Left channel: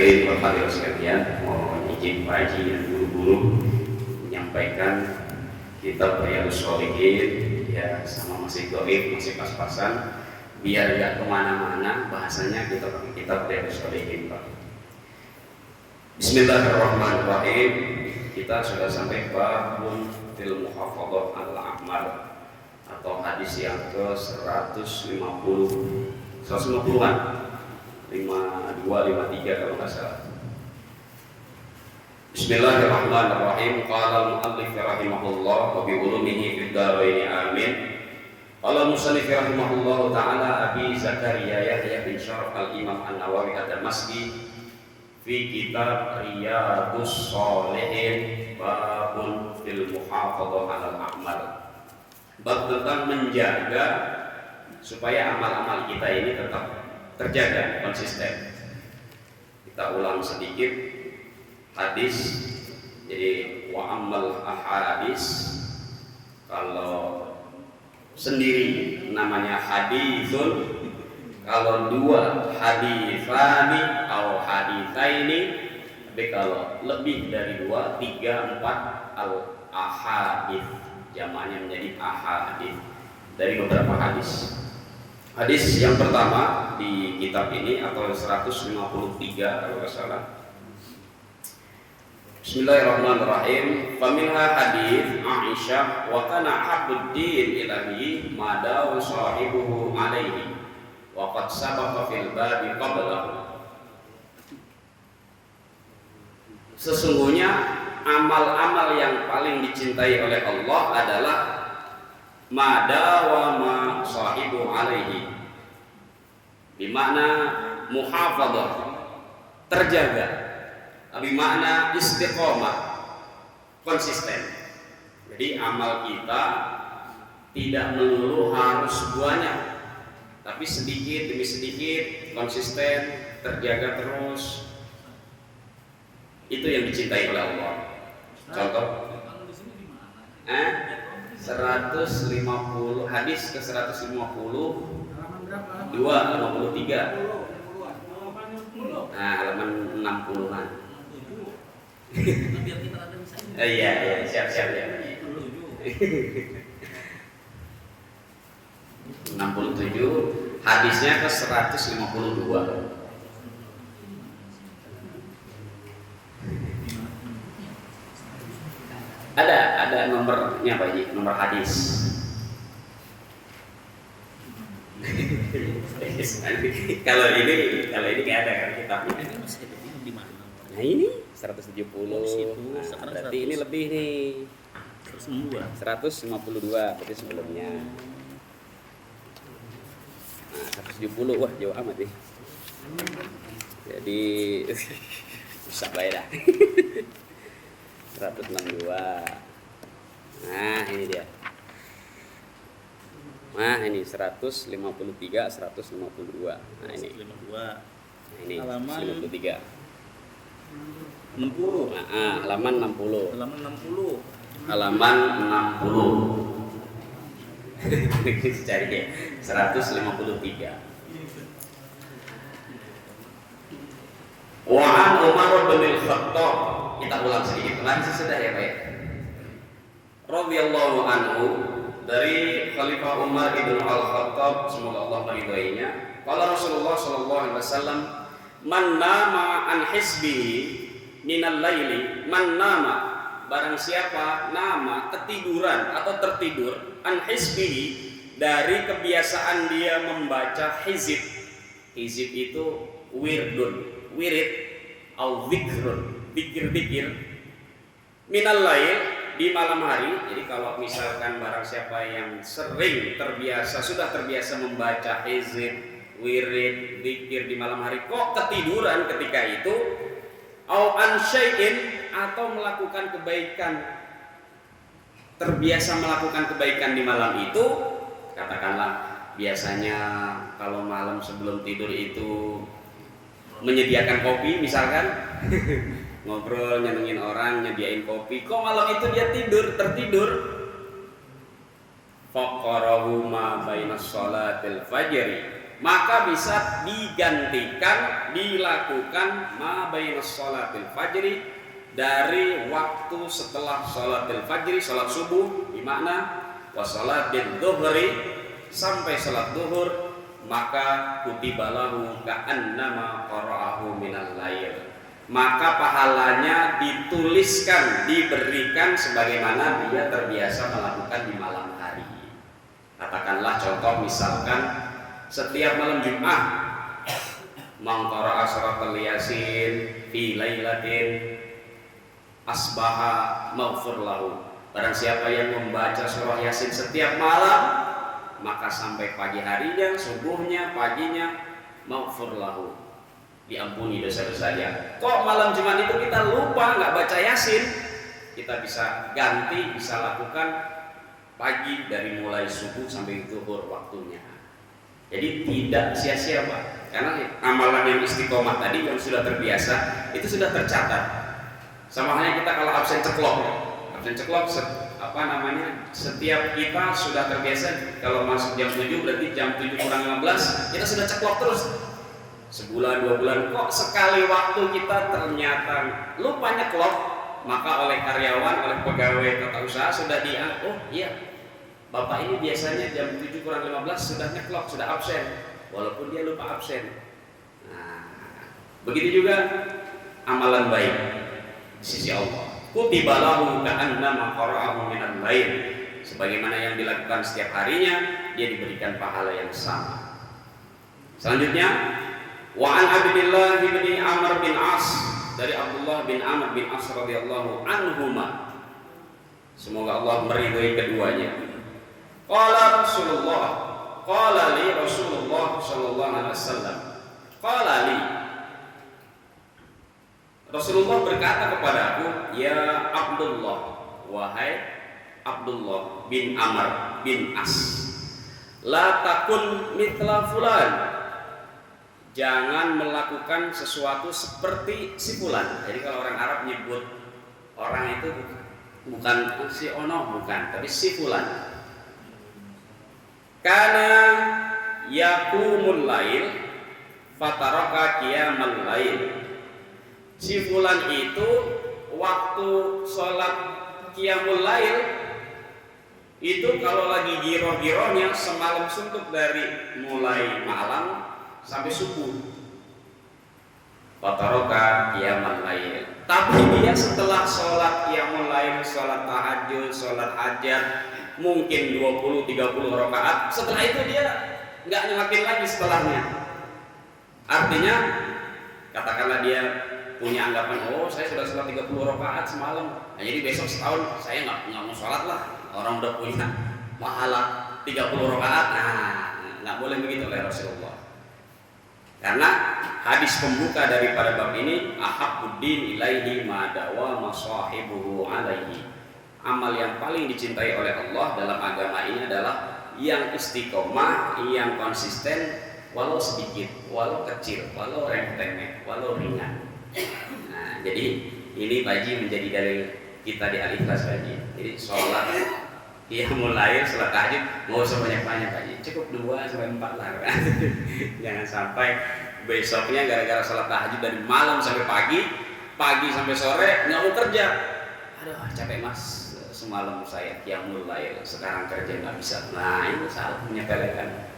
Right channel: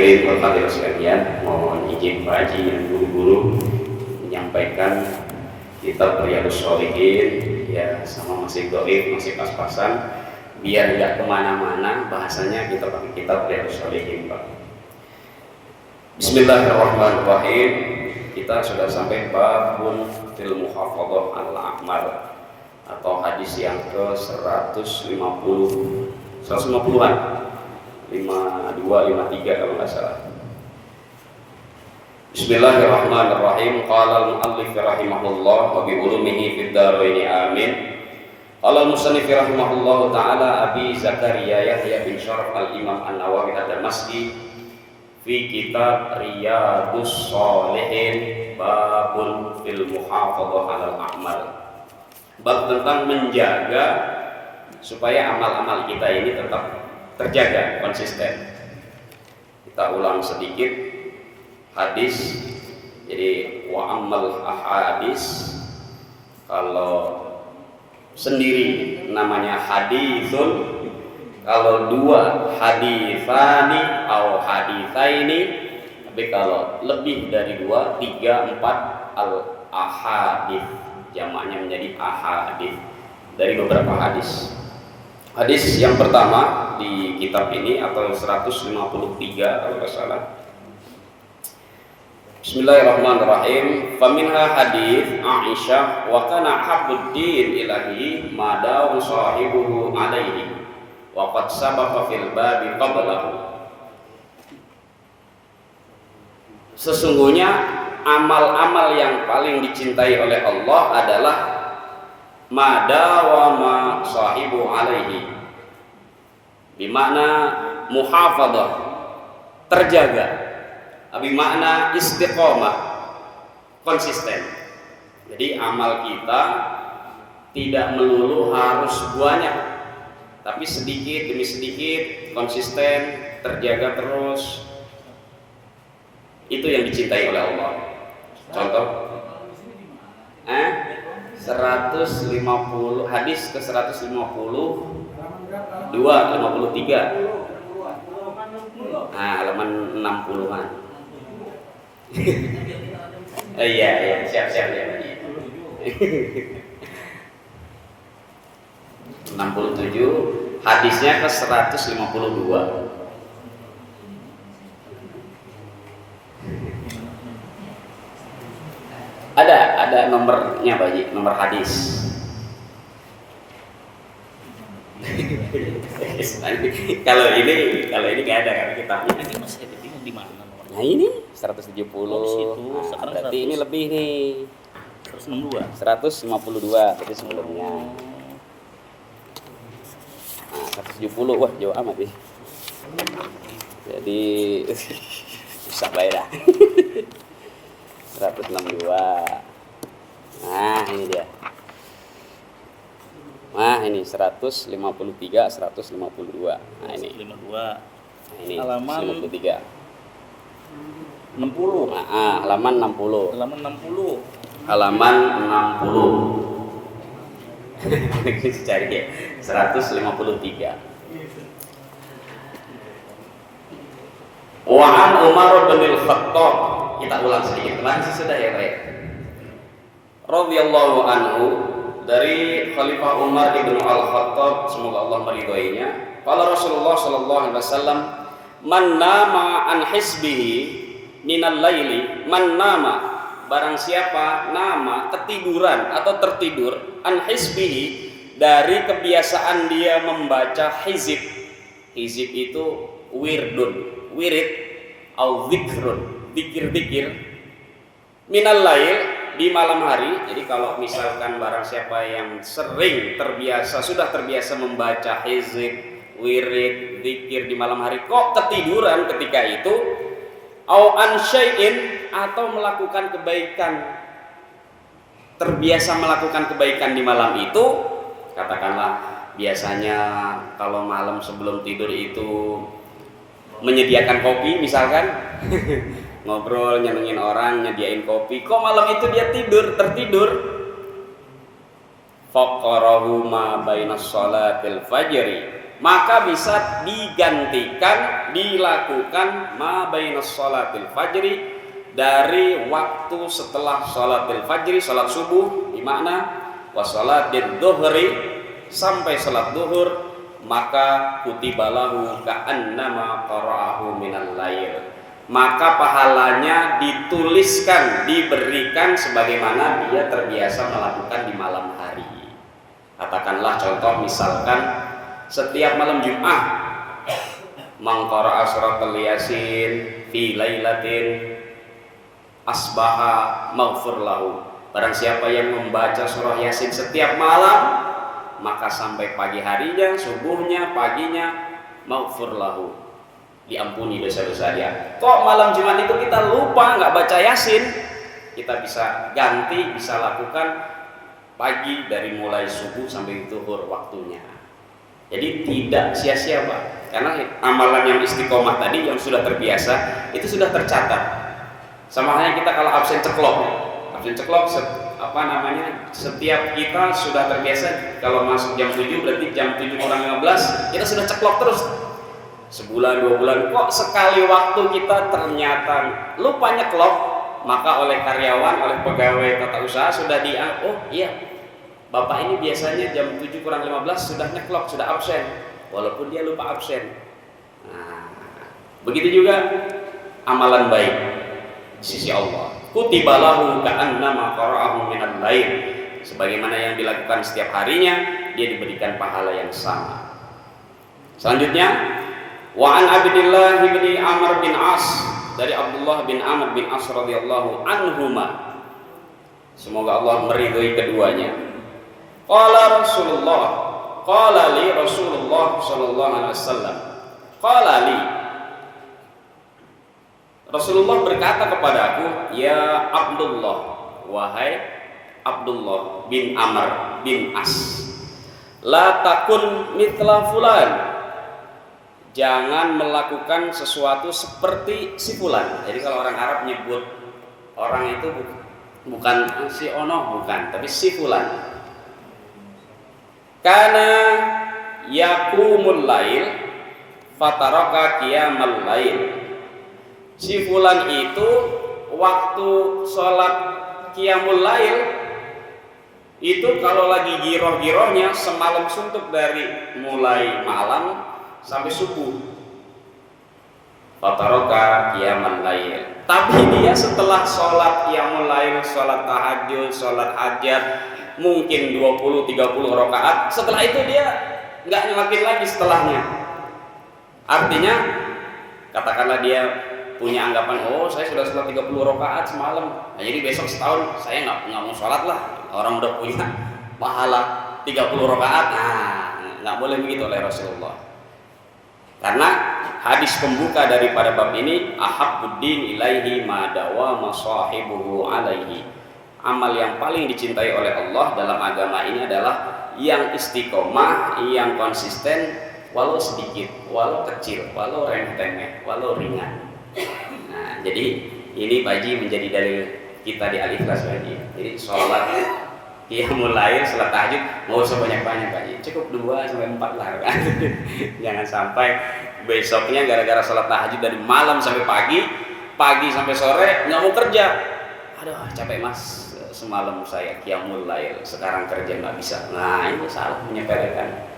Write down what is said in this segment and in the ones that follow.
Hadirin sekalian, mohon izin Pak Haji dan guru-guru menyampaikan kitab Riyadhus Shalihin ya, sama masih goib, masih pas-pasan biar nggak kemana-mana bahasanya, kita pakai kitab Riyadhus Shalihin Pak. Bismillahirrahmanirrahim. Kita sudah sampai babun fil muhafadzah al-a'mal atau hadis yang ke 150-an 52, 53 kalau nggak salah. Bismillahirrahmanirrahim. Qala al-muallif rahimahullah wa bi ulumihi fid dharain amin. Qala al-musannif rahimahullah taala Abi Zakaria Yahya bin Syaraf al-Imam An-Nawawi ad-Damashqi fi kitab Riyadhus Shalihin babun fil muhafadzah 'alal a'mal. Bab tentang menjaga supaya amal-amal kita ini tetap terjaga, konsisten. Kita ulang sedikit hadis. Jadi wa amal ahadis, kalau sendiri namanya hadisun, kalau dua haditsani atau haditsaini, tapi kalau lebih dari dua, tiga, empat, al ahadits, jamaknya menjadi ahadits, dari beberapa hadis. Hadis yang pertama di kitab ini atau 153 kalau tidak salah. Bismillahirrahmanirrahim. Faminha hadis Aisyah wa kana habbuddin ilahi madaw sahibuhu alaihi wa qad sabaqa fil babi qablahu. Sesungguhnya amal-amal yang paling dicintai oleh Allah adalah madawama sahibu alaihi, bimakna muhafadzah, terjaga, bimakna istiqomah, konsisten. Jadi amal kita tidak melulu harus banyak, tapi sedikit demi sedikit konsisten, terjaga terus. Itu yang dicintai oleh Allah. Contoh 150, hadis ke 150 253. Nah, halaman 60-an. Iya, siap ya. 67, hadisnya ke 152. Ada nomornya Pak Haji, nomor hadis. Kalau ini nggak ada kan kitabnya. Ini masih bingung di mana nomornya. Nah ini 170. Berarti ini lebih nih. 152 berarti sebelumnya. Nah, 170, wah jauh amat nih. Jadi bisa baik dah. 162. Nah ini dia. Nah ini 153, 152. Nah ini 52. Nah, ini Halaman 53. 60. Nah, halaman 60. Halaman 60. Halaman 60. Cari ya. 153. Wa an Umar bin Al-Khattab. Kita ulang sedikit, kemarin sudah ya Pak. Radhiyallahu anhu, dari Khalifah Umar bin Al-Khattab, semoga Allah meridhoinya. Qala Rasulullah sallallahu alaihi wasallam, man nama an hisbihi minal laili, man nama, barang siapa nama ketiduran atau tertidur, an hisbihi, dari kebiasaan dia membaca hizib. Hizib itu wirid au zikrun, dikir minal lail, di malam hari. Jadi kalau misalkan barang siapa yang sering sudah terbiasa membaca hizib, wirid, zikir di malam hari, kok ketiduran ketika itu, au an syai'in, atau melakukan kebaikan, terbiasa melakukan kebaikan di malam itu, katakanlah biasanya kalau malam sebelum tidur itu menyediakan kopi misalkan, ngobrol, nyenengin orang, nyediain kopi, kok malam itu dia tertidur. Faqarahu ma bainas shalatil fajri, maka bisa digantikan, dilakukan ma bainas shalatil fajri, dari waktu setelah shalatil fajri, salat subuh, di makna wa shalatil dhuhri, sampai salat zuhur, maka kutibalahu ka'annama qara'ahu minal lail, maka pahalanya dituliskan, diberikan sebagaimana dia terbiasa melakukan di malam hari. Katakanlah contoh, misalkan setiap malam Jumat mangqara'a suratul yasin fi lailatin asbaha maghfur lahu, barang siapa yang membaca surah yasin setiap malam, maka sampai pagi harinya, subuhnya, paginya, maghfur lahu, diampuni dosa-dosa dia. Kok malam Jumat itu kita lupa nggak baca yasin, kita bisa ganti, bisa lakukan pagi dari mulai subuh sampai zuhur waktunya. Jadi tidak sia-sia Pak, karena amalan yang istiqomah tadi yang sudah terbiasa itu sudah tercatat. Sama halnya kita kalau absen ceklok, setiap kita sudah terbiasa kalau masuk jam 7, berarti jam 7 kurang 15 kita sudah ceklok terus. Sebulan, 2 bulan, kok sekali waktu kita ternyata lupa nyeklok, maka oleh karyawan, oleh pegawai tata usaha sudah oh iya, Bapak ini biasanya jam 7 kurang 15 sudah nyeklok, sudah absen, walaupun dia lupa absen. Nah, begitu juga amalan baik di sisi Allah. Kutibalahu ka'annama qara'ahu minal lail, sebagaimana yang dilakukan setiap harinya, dia diberikan pahala yang sama. Selanjutnya, wa an Abdillah bin Amr bin As, dari Abdullah bin Amr bin As radhiyallahu anhuma, semoga Allah meridhai keduanya. Qala Rasulullah, qala li Rasulullah sallallahu alaihi wasallam, qala li, Rasulullah berkata kepadaku, ya Abdullah, wahai Abdullah bin Amr bin As, la takun mithla fulan, jangan melakukan sesuatu seperti si fulan. Jadi kalau orang Arab nyebut orang itu bukan si ono, bukan, tapi si fulan. Kana yakumul lail fataraka qiyamal lail, si fulan itu waktu sholat qiyamul lail itu kalau lagi giroh-girohnya semalam suntuk dari mulai malam sampai subuh. Fataraka qiyamul lail, tapi dia setelah sholat qiyamul lail, sholat tahajud, sholat hajat, mungkin 20-30 rakaat, setelah itu dia nggak nyelakin lagi setelahnya. Artinya katakanlah dia punya anggapan, oh saya sudah sholat 30 rakaat semalam, nah, jadi besok setahun saya nggak mau sholat lah. Orang udah punya pahala 30 rakaat, nah nggak boleh begitu oleh Rasulullah. Karena hadis pembuka daripada bab ini, ahabbuddin ilaihi ma dawama sahibuhu alaihi, amal yang paling dicintai oleh Allah dalam agama ini adalah yang istiqomah, yang konsisten, walau sedikit, walau kecil, walau remeh-temeh, walau ringan. Nah, jadi ini Pak Haji menjadi dalil kita di Al-Ikhlas Pak Haji. Jadi sholat qiyamul lail, sholat tahajud mau sebanyak-banyak Pak Haji, cukup 2-4 lah. Jangan sampai besoknya gara-gara sholat tahajud dari malam sampai pagi sampai sore nggak mau kerja. Aduh capek mas, semalam saya qiyamul lail, sekarang kerja nggak bisa. Nah ini salah, menyepelekan.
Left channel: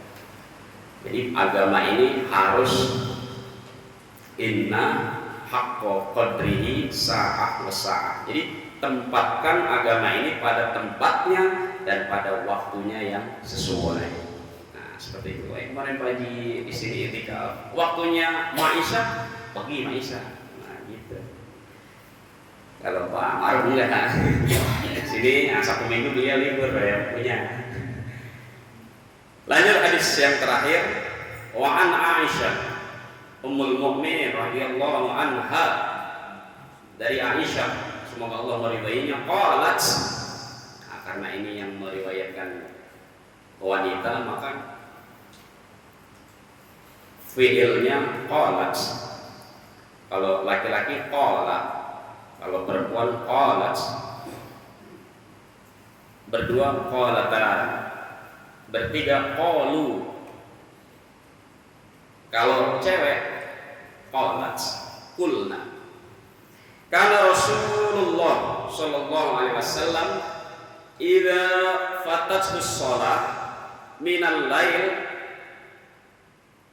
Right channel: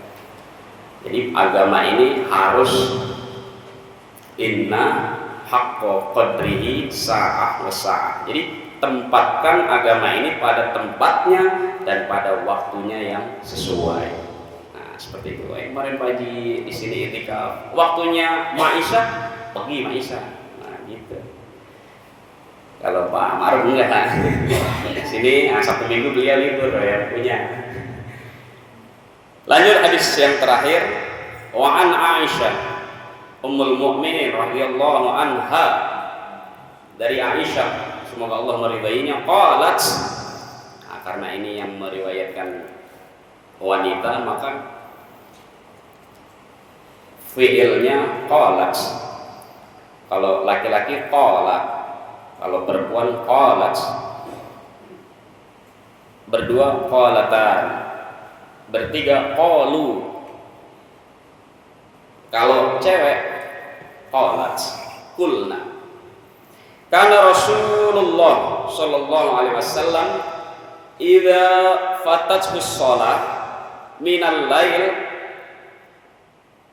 Jadi agama ini harus inna haqqa qadrihi sa'ah wa sa'ah. Jadi tempatkan agama ini pada tempatnya dan pada waktunya yang sesuai. Nah seperti itu. Kemarin Pak Haji di sini itikaf, waktunya Ma'isyah, pergi Ma'isyah. Nah gitu. Kalau Pak Maruf enggak, sini Sabtu Minggu beliau libur yang punya. Lanjut hadis yang terakhir, wa an Aisyah Ummul Mukminin radhiyallahu anha, dari Aisyah semoga Allah meridainya, qalat, nah, karena ini yang meriwayatkan wanita maka fiilnya qalat, kalau laki-laki qala, kalau perempuan qalat, berdua qalatan, bertiga qalu, Kalau cewek qalat kulna. Karena Rasulullah sallallahu alaihi wasallam idza fatathu shalah minal lail,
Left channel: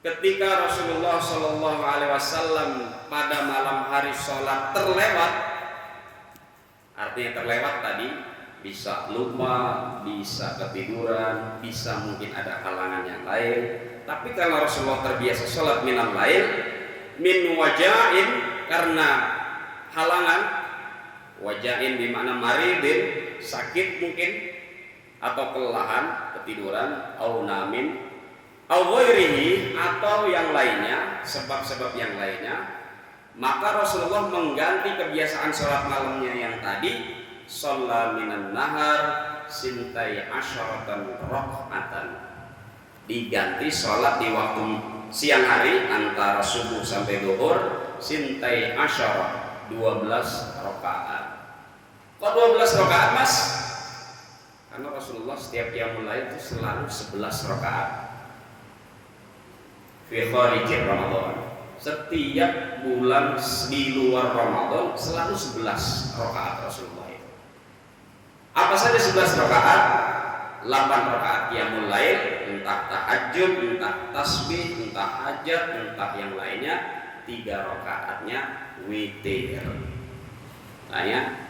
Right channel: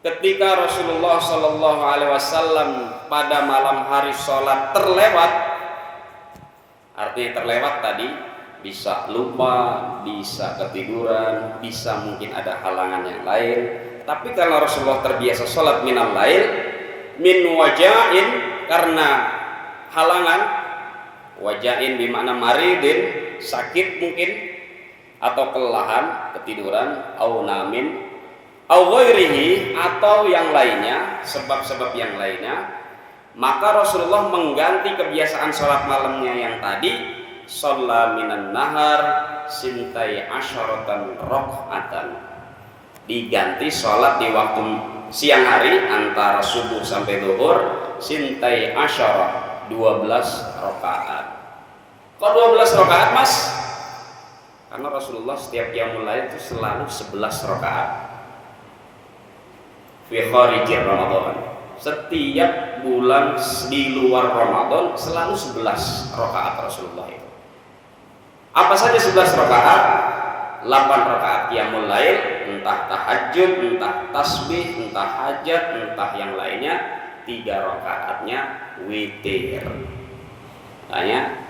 ketika Rasulullah sallallahu alaihi wasallam pada malam hari sholat terlewat, artinya terlewat tadi bisa lupa, bisa ketiduran, bisa mungkin ada halangan yang lain. Tapi kalau Rasulullah terbiasa sholat minal lail, min wajain, karena halangan, wajain bermakna maridin, sakit mungkin, atau kelelahan, ketiduran, au namin, au ghairihi, atau yang lainnya, sebab-sebab yang lainnya, maka Rasulullah mengganti kebiasaan sholat malamnya yang tadi, shalla minan nahar sintai asyaratan rakaatan, diganti sholat di waktu siang hari antara subuh sampai zuhur, sintai asyarah 12 rakaat. Kok 12 rakaat mas? Karena Rasulullah setiap qiyamul lail itu selalu 11 rakaat fi kharijir Ramadan. Setiap bulan di luar Ramadan selalu 11 rakaat Rasulullah itu. Apa saja 11 rakaat? 8 rakaat qiyamul lail, entah tahajud, entah tasbih, entah hajat, entah yang lainnya. 3 rakaatnya witir. Tanya,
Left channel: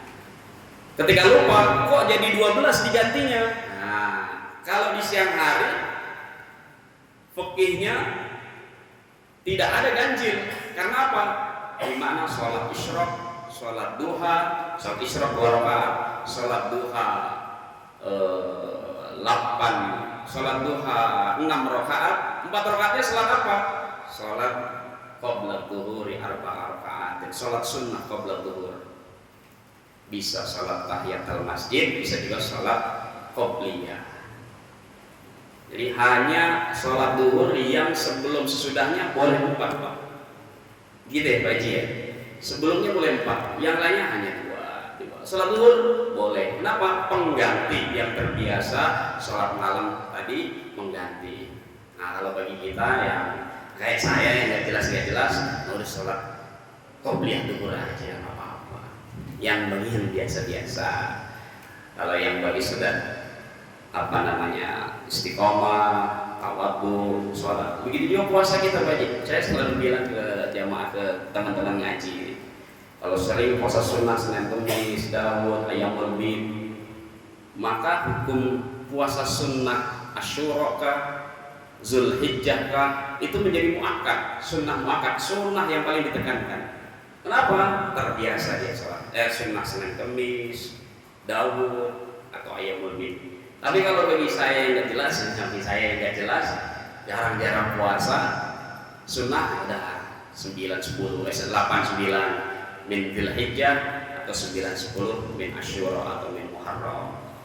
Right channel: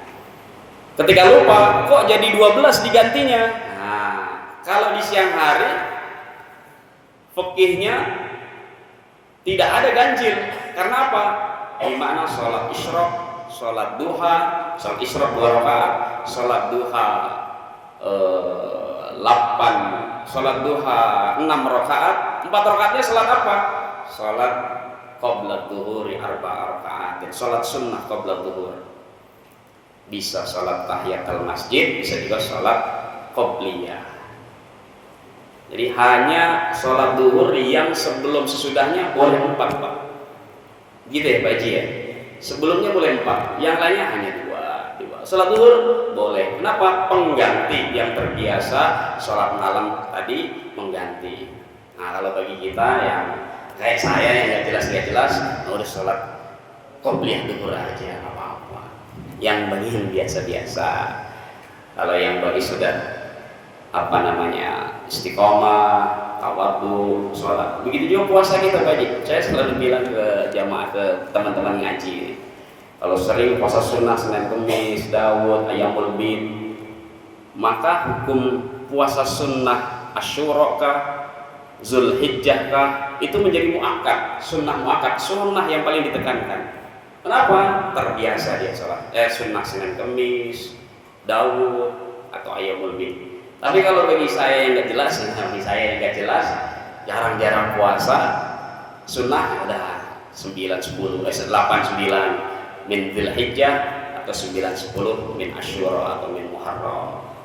ketika lupa kok jadi 12 digantinya? Nah, kalau di siang hari fikihnya tidak ada ganjil. Karena apa? Di mana sholat isyraq, sholat duha, sholat isyraq 2 rakaat, sholat duha 8, sholat duha 6 rakaat, 4 rakaatnya sholat apa? Sholat qabla dhuhuri 4 rakaat, sholat sunnah qabla dhuhur. Bisa sholat tahiyatul masjid, bisa juga sholat qobliyah. Jadi hanya sholat duhur yang sebelum sesudahnya boleh 4 Pak. Gitu ya Pak Haji ya. Sebelumnya boleh 4, yang lainnya hanya 2. Sholat duhur boleh. Kenapa? Pengganti yang terbiasa sholat malam tadi mengganti. Nah kalau bagi kita yang kayak saya yang nggak jelas, udah sholat qobliyah duhur aja nggak apa-apa. Yang bagi yang biasa-biasa. Kalau yang bagi sudah istiqomah, tawadhu, sholat. Begitu juga puasa kita Pak Haji. Saya selalu bilang ke jamaah, ke teman-teman ngaji ini, kalau sering puasa sunnah Senin Kamis, Daud, Ayyamul Bid, maka hukum puasa sunnah Asyura kah, Zulhijjah kah, itu menjadi muakkad, sunnah muakkad, sunnah yang paling ditekankan. Kenapa? Terbiasa dia sholat sunnah Senin Kamis, Daud, atau Ayyamul Bid. Tapi kalau bagi saya yang nggak jelas, jarang-jarang puasa sunnah ada 9, 10, 8, 9 min Dzulhijjah atau 9, 10 min Asyura atau min Muharram.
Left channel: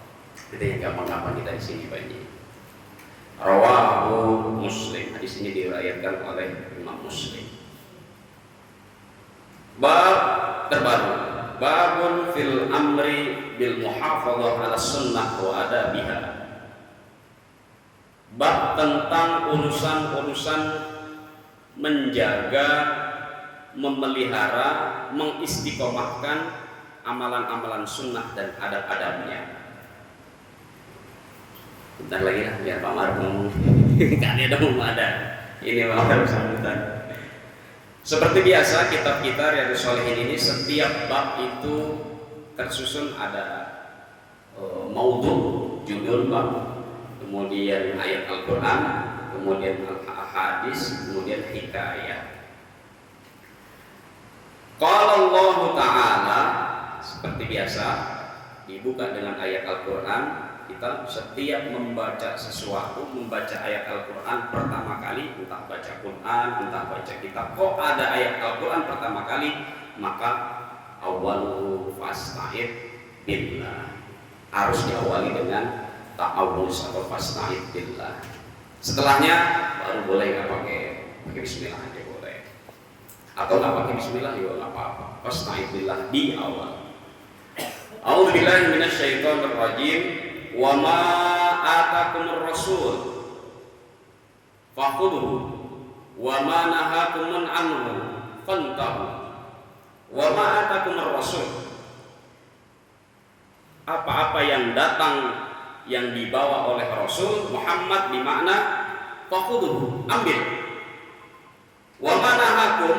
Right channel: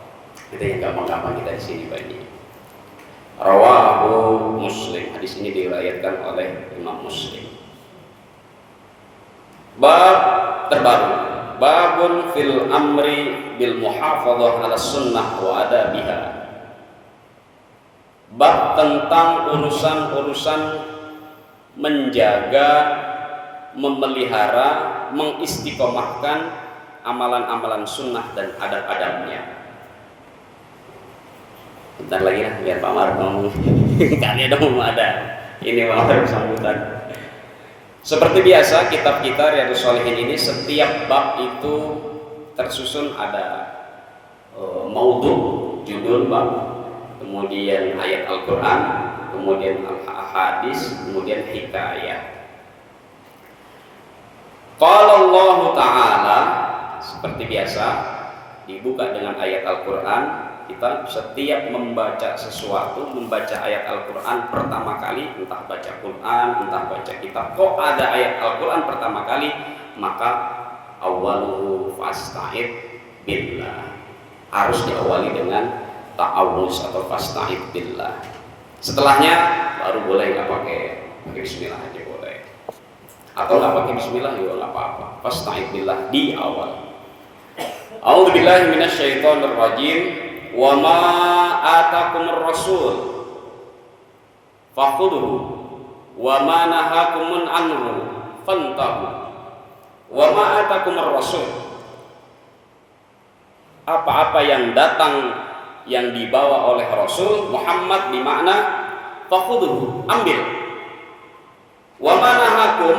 Itu yang gampang-gampang kita di sini bagi. Rawahu Muslim. Hadis ini diriwayatkan oleh Imam Muslim. Bab terbaru, babun fil amri bil muhafadzah ala sunnah wa adabiha. Bab tentang urusan-urusan menjaga, memelihara, mengistiqomahkan amalan-amalan sunnah dan adab-adabnya. Bentar lagi lah biar Pak Mar ngomong. Kali ada mau ada. Ini Pak Mar sambutan. Seperti biasa kitab kita Riyadhus Shalihin ini setiap bab itu tersusun ada maudhu, judul bab, kemudian ayat Al-Qur'an, kemudian hadis, kemudian hikayah. Qala Allah Ta'ala, seperti biasa dibuka dengan ayat Al-Qur'an. Kita setiap membaca sesuatu, membaca ayat Al-Quran pertama kali, entah baca Quran, entah baca kitab, kok ada ayat Al-Quran pertama kali, maka awaluhu fasta'id billah, harus diawali dengan ta'awuz atau fasta'id billah. Setelahnya baru boleh nggak pakai bismillah aja boleh, atau nggak pakai bismillah juga nggak apa-apa. Fasta'id billah di awal. A'udzubillahi minasyaitonir rajim. Wa ma atakumur rasul fakhudhuhu wa ma nahakumun anhu fantahu wa ma atakumur rasul. Apa-apa yang datang yang dibawa oleh Rasul Muhammad bermakna fakhudhu, ambil. Wa ma nahakum,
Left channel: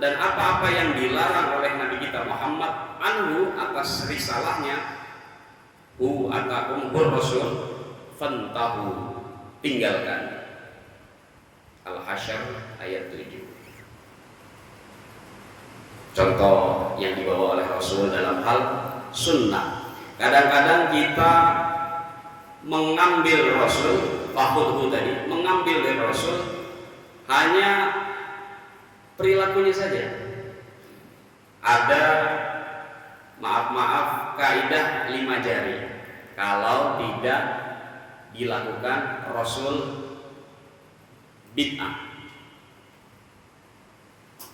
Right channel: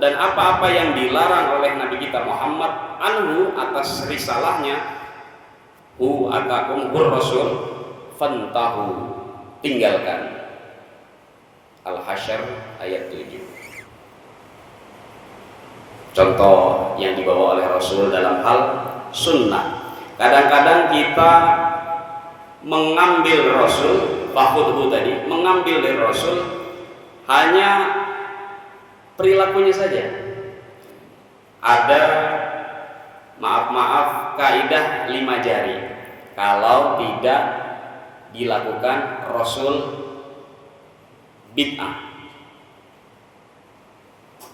dan apa-apa yang dilarang oleh Nabi kita Muhammad anhu, atas risalahnya, hu atakum hur rasul, fantahu, tinggalkan. Al-Hasyr ayat 7. Contoh yang dibawa oleh Rasul dalam hal sunnah. Kadang-kadang kita mengambil Rasul, fakhudhu tadi, mengambil dari Rasul hanya perilakunya saja. Ada maaf kaidah 5 jari. Kalau tidak dilakukan Rasul bid'ah.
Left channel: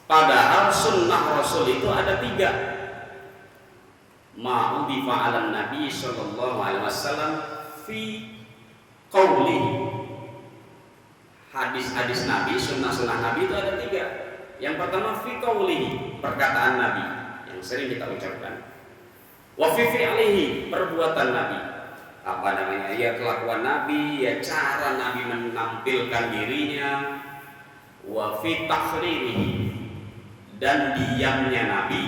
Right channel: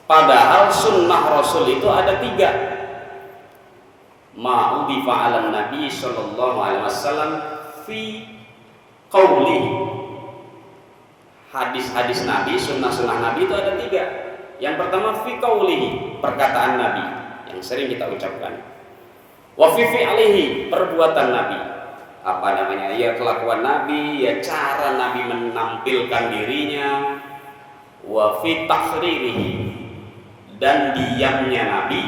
Padahal sunnah Rasul itu ada 3. Ma'udifa 'alan Nabi sallallahu alaihi wasallam fi qauli. Hadis-hadis Nabi, sunnah-sunnah Nabi itu ada 3. Yang pertama fi qauli, perkataan Nabi yang sering kita ucapkan. Wa fi fi'lihi, perbuatan Nabi. Apa namanya? Ya kelakuan Nabi, ya cara Nabi menampilkan dirinya. Wa fi takhririhi, dan diamnya Nabi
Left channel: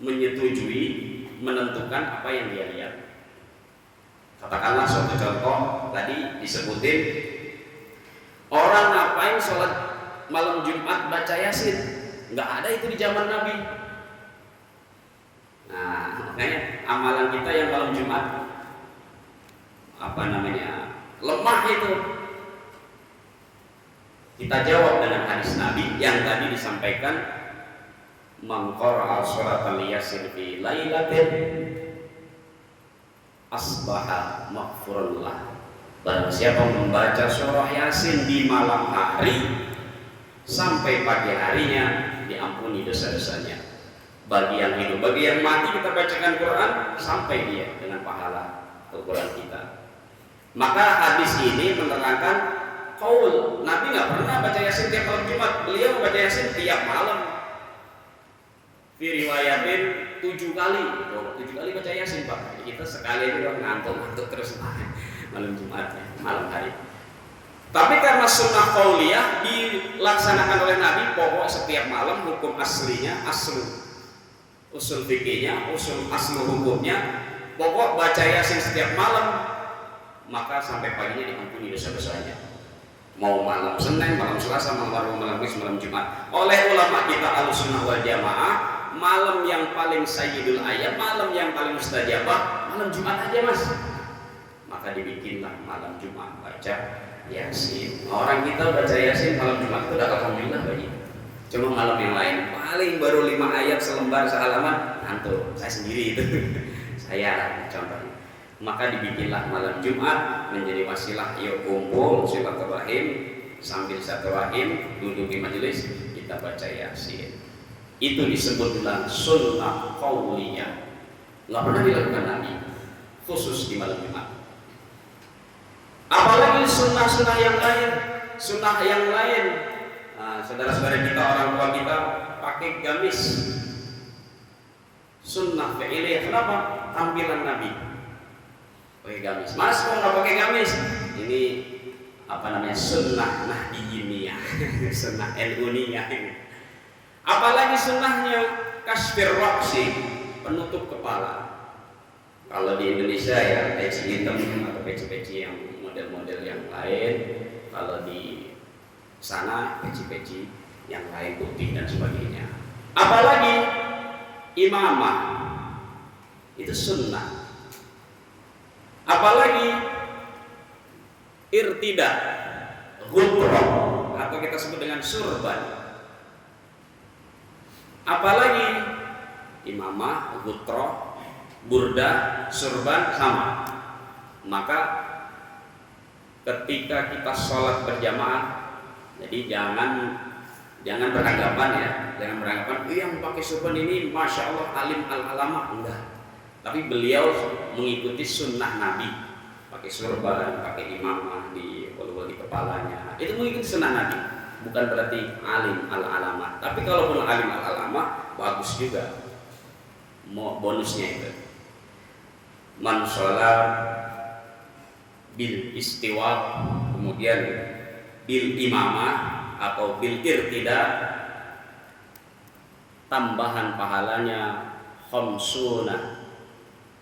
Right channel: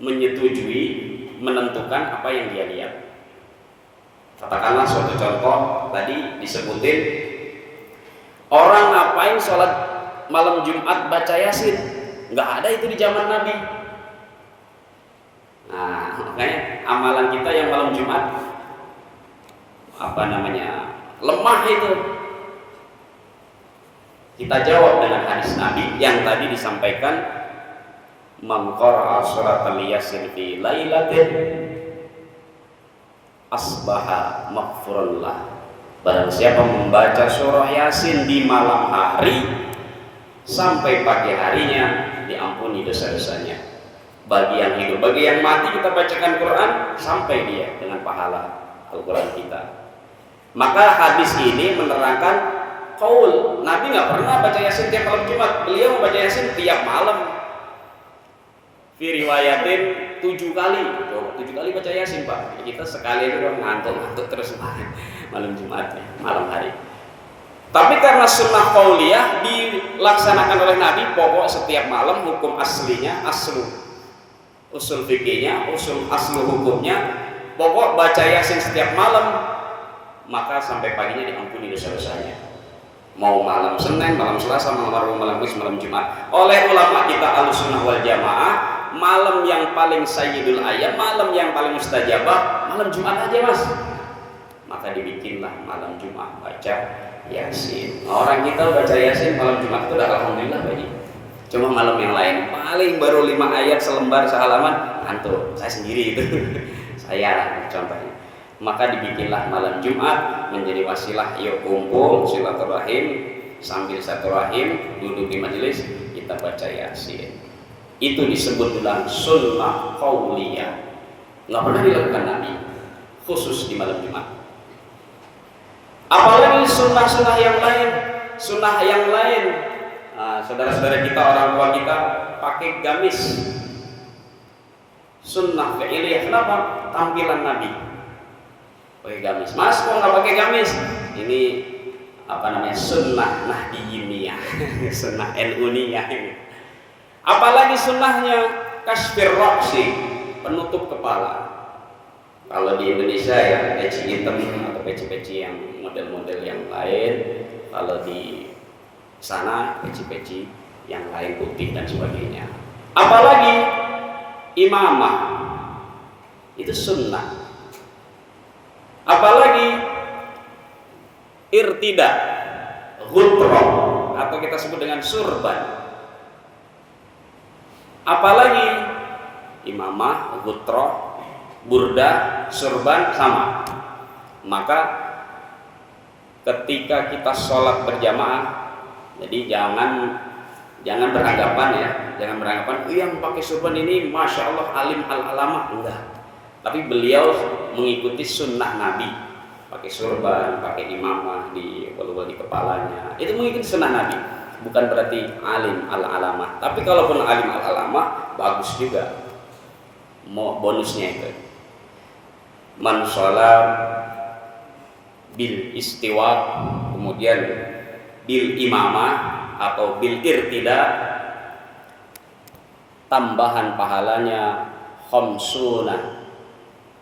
menyetujui, menentukan apa yang dia lihat. Katakanlah suatu contoh, tadi disebutin orang ngapain sholat malam Jumat baca Yasin, nggak ada itu di zaman Nabi. Nah, makanya amalan kita yang malam Jumat lemah itu. Kita jawab dengan hadis Nabi yang tadi disampaikan, man qara'a suratal yasin fi lailatin asbaha maghfurun lah. Barang siapa membaca surah Yasin di malam hari, sampai pagi harinya diampuni dosa-dosanya. Bagi yang hidup, bagi yang mati kita bacakan Quran sampai dia dengan pahala Al-Quran kita. Maka hadis ini menerangkan qaul. Nabi nggak pernah baca Yasin tiap malam Jumat. Beliau membaca Yasin tiap malam. Fi riwayatin 7 kali. 7 kali baca Yasin, Pak. Kita sekali itu ngantuk terus malam Jumat, malam hari. Tapi karena sunnah qauliyah dilaksanakan oleh Nabi, pokok setiap malam, hukum aslinya, usul fikihnya, aslu hukumnya, pokok baca Yasin setiap malam, maka sampai paginya diampuni dosa-dosanya. Mau malam Senin, malam Selasa, malam Rabu, malam Kamis, malam Jumat. Oleh ulama kita Ahlussunnah wal Jamaah, malam yang paling sayyidul ayyam, malam yang paling mustajabah, malam Jumat aja, Mas. Maka dibikinlah malam Jumat baca Yasin. Orang kita baca Yasin malam Jumat itu udah alhamdulillah bagi. Cuma malam yang lain paling baru 5 ayat selembar sehalaman, ngantuk. Saya sendiri itu. Saya contohnya. Maka dibikinlah malam Jumat menjadi wasilah, yuk kumpul silaturahim, sambil silaturahim duduk di majelis kita baca Yasin. Itu disebut dengan sunnah qauliyah. Nggak pernah dilakukan Nabi, khusus di malam Jumat. Apalagi sunnah-sunnah yang lain, saudara-saudara kita, orang tua kita pakai gamis. Sunnah fi'liyah. Kenapa? Tampilan Nabi pakai gamis. Mas kok nggak pakai gamis? Ini sunnah nahdiyiniyah, sunnah NU-niyah. Apalagi sunnahnya kasfir ra'si, penutup kepala. Kalau di Indonesia ya peci hitam atau peci-peci yang model-model yang lain. Kalau di sana peci-peci yang lain putih dan sebagainya. Apalagi imamah, itu sunnah. Apalagi irtida, ghutro, atau kita sebut dengan surban. Apalagi imamah, ghutro, burda, surban sama. Maka ketika kita sholat berjamaah, jadi jangan beranggapan yang pakai surban ini masya Allah alim al-alamah, enggak. Tapi beliau mengikuti sunnah Nabi, pakai surban, pakai imamah di kepalanya. Itu mengikuti sunnah Nabi. bukan berarti alim al-alamah. Tapi kalaupun alim al-alamah bagus juga. Mau bonusnya itu. Man sholat bil istiwa, kemudian bil imamah atau bil irtida, tambahan pahalanya khamsuna,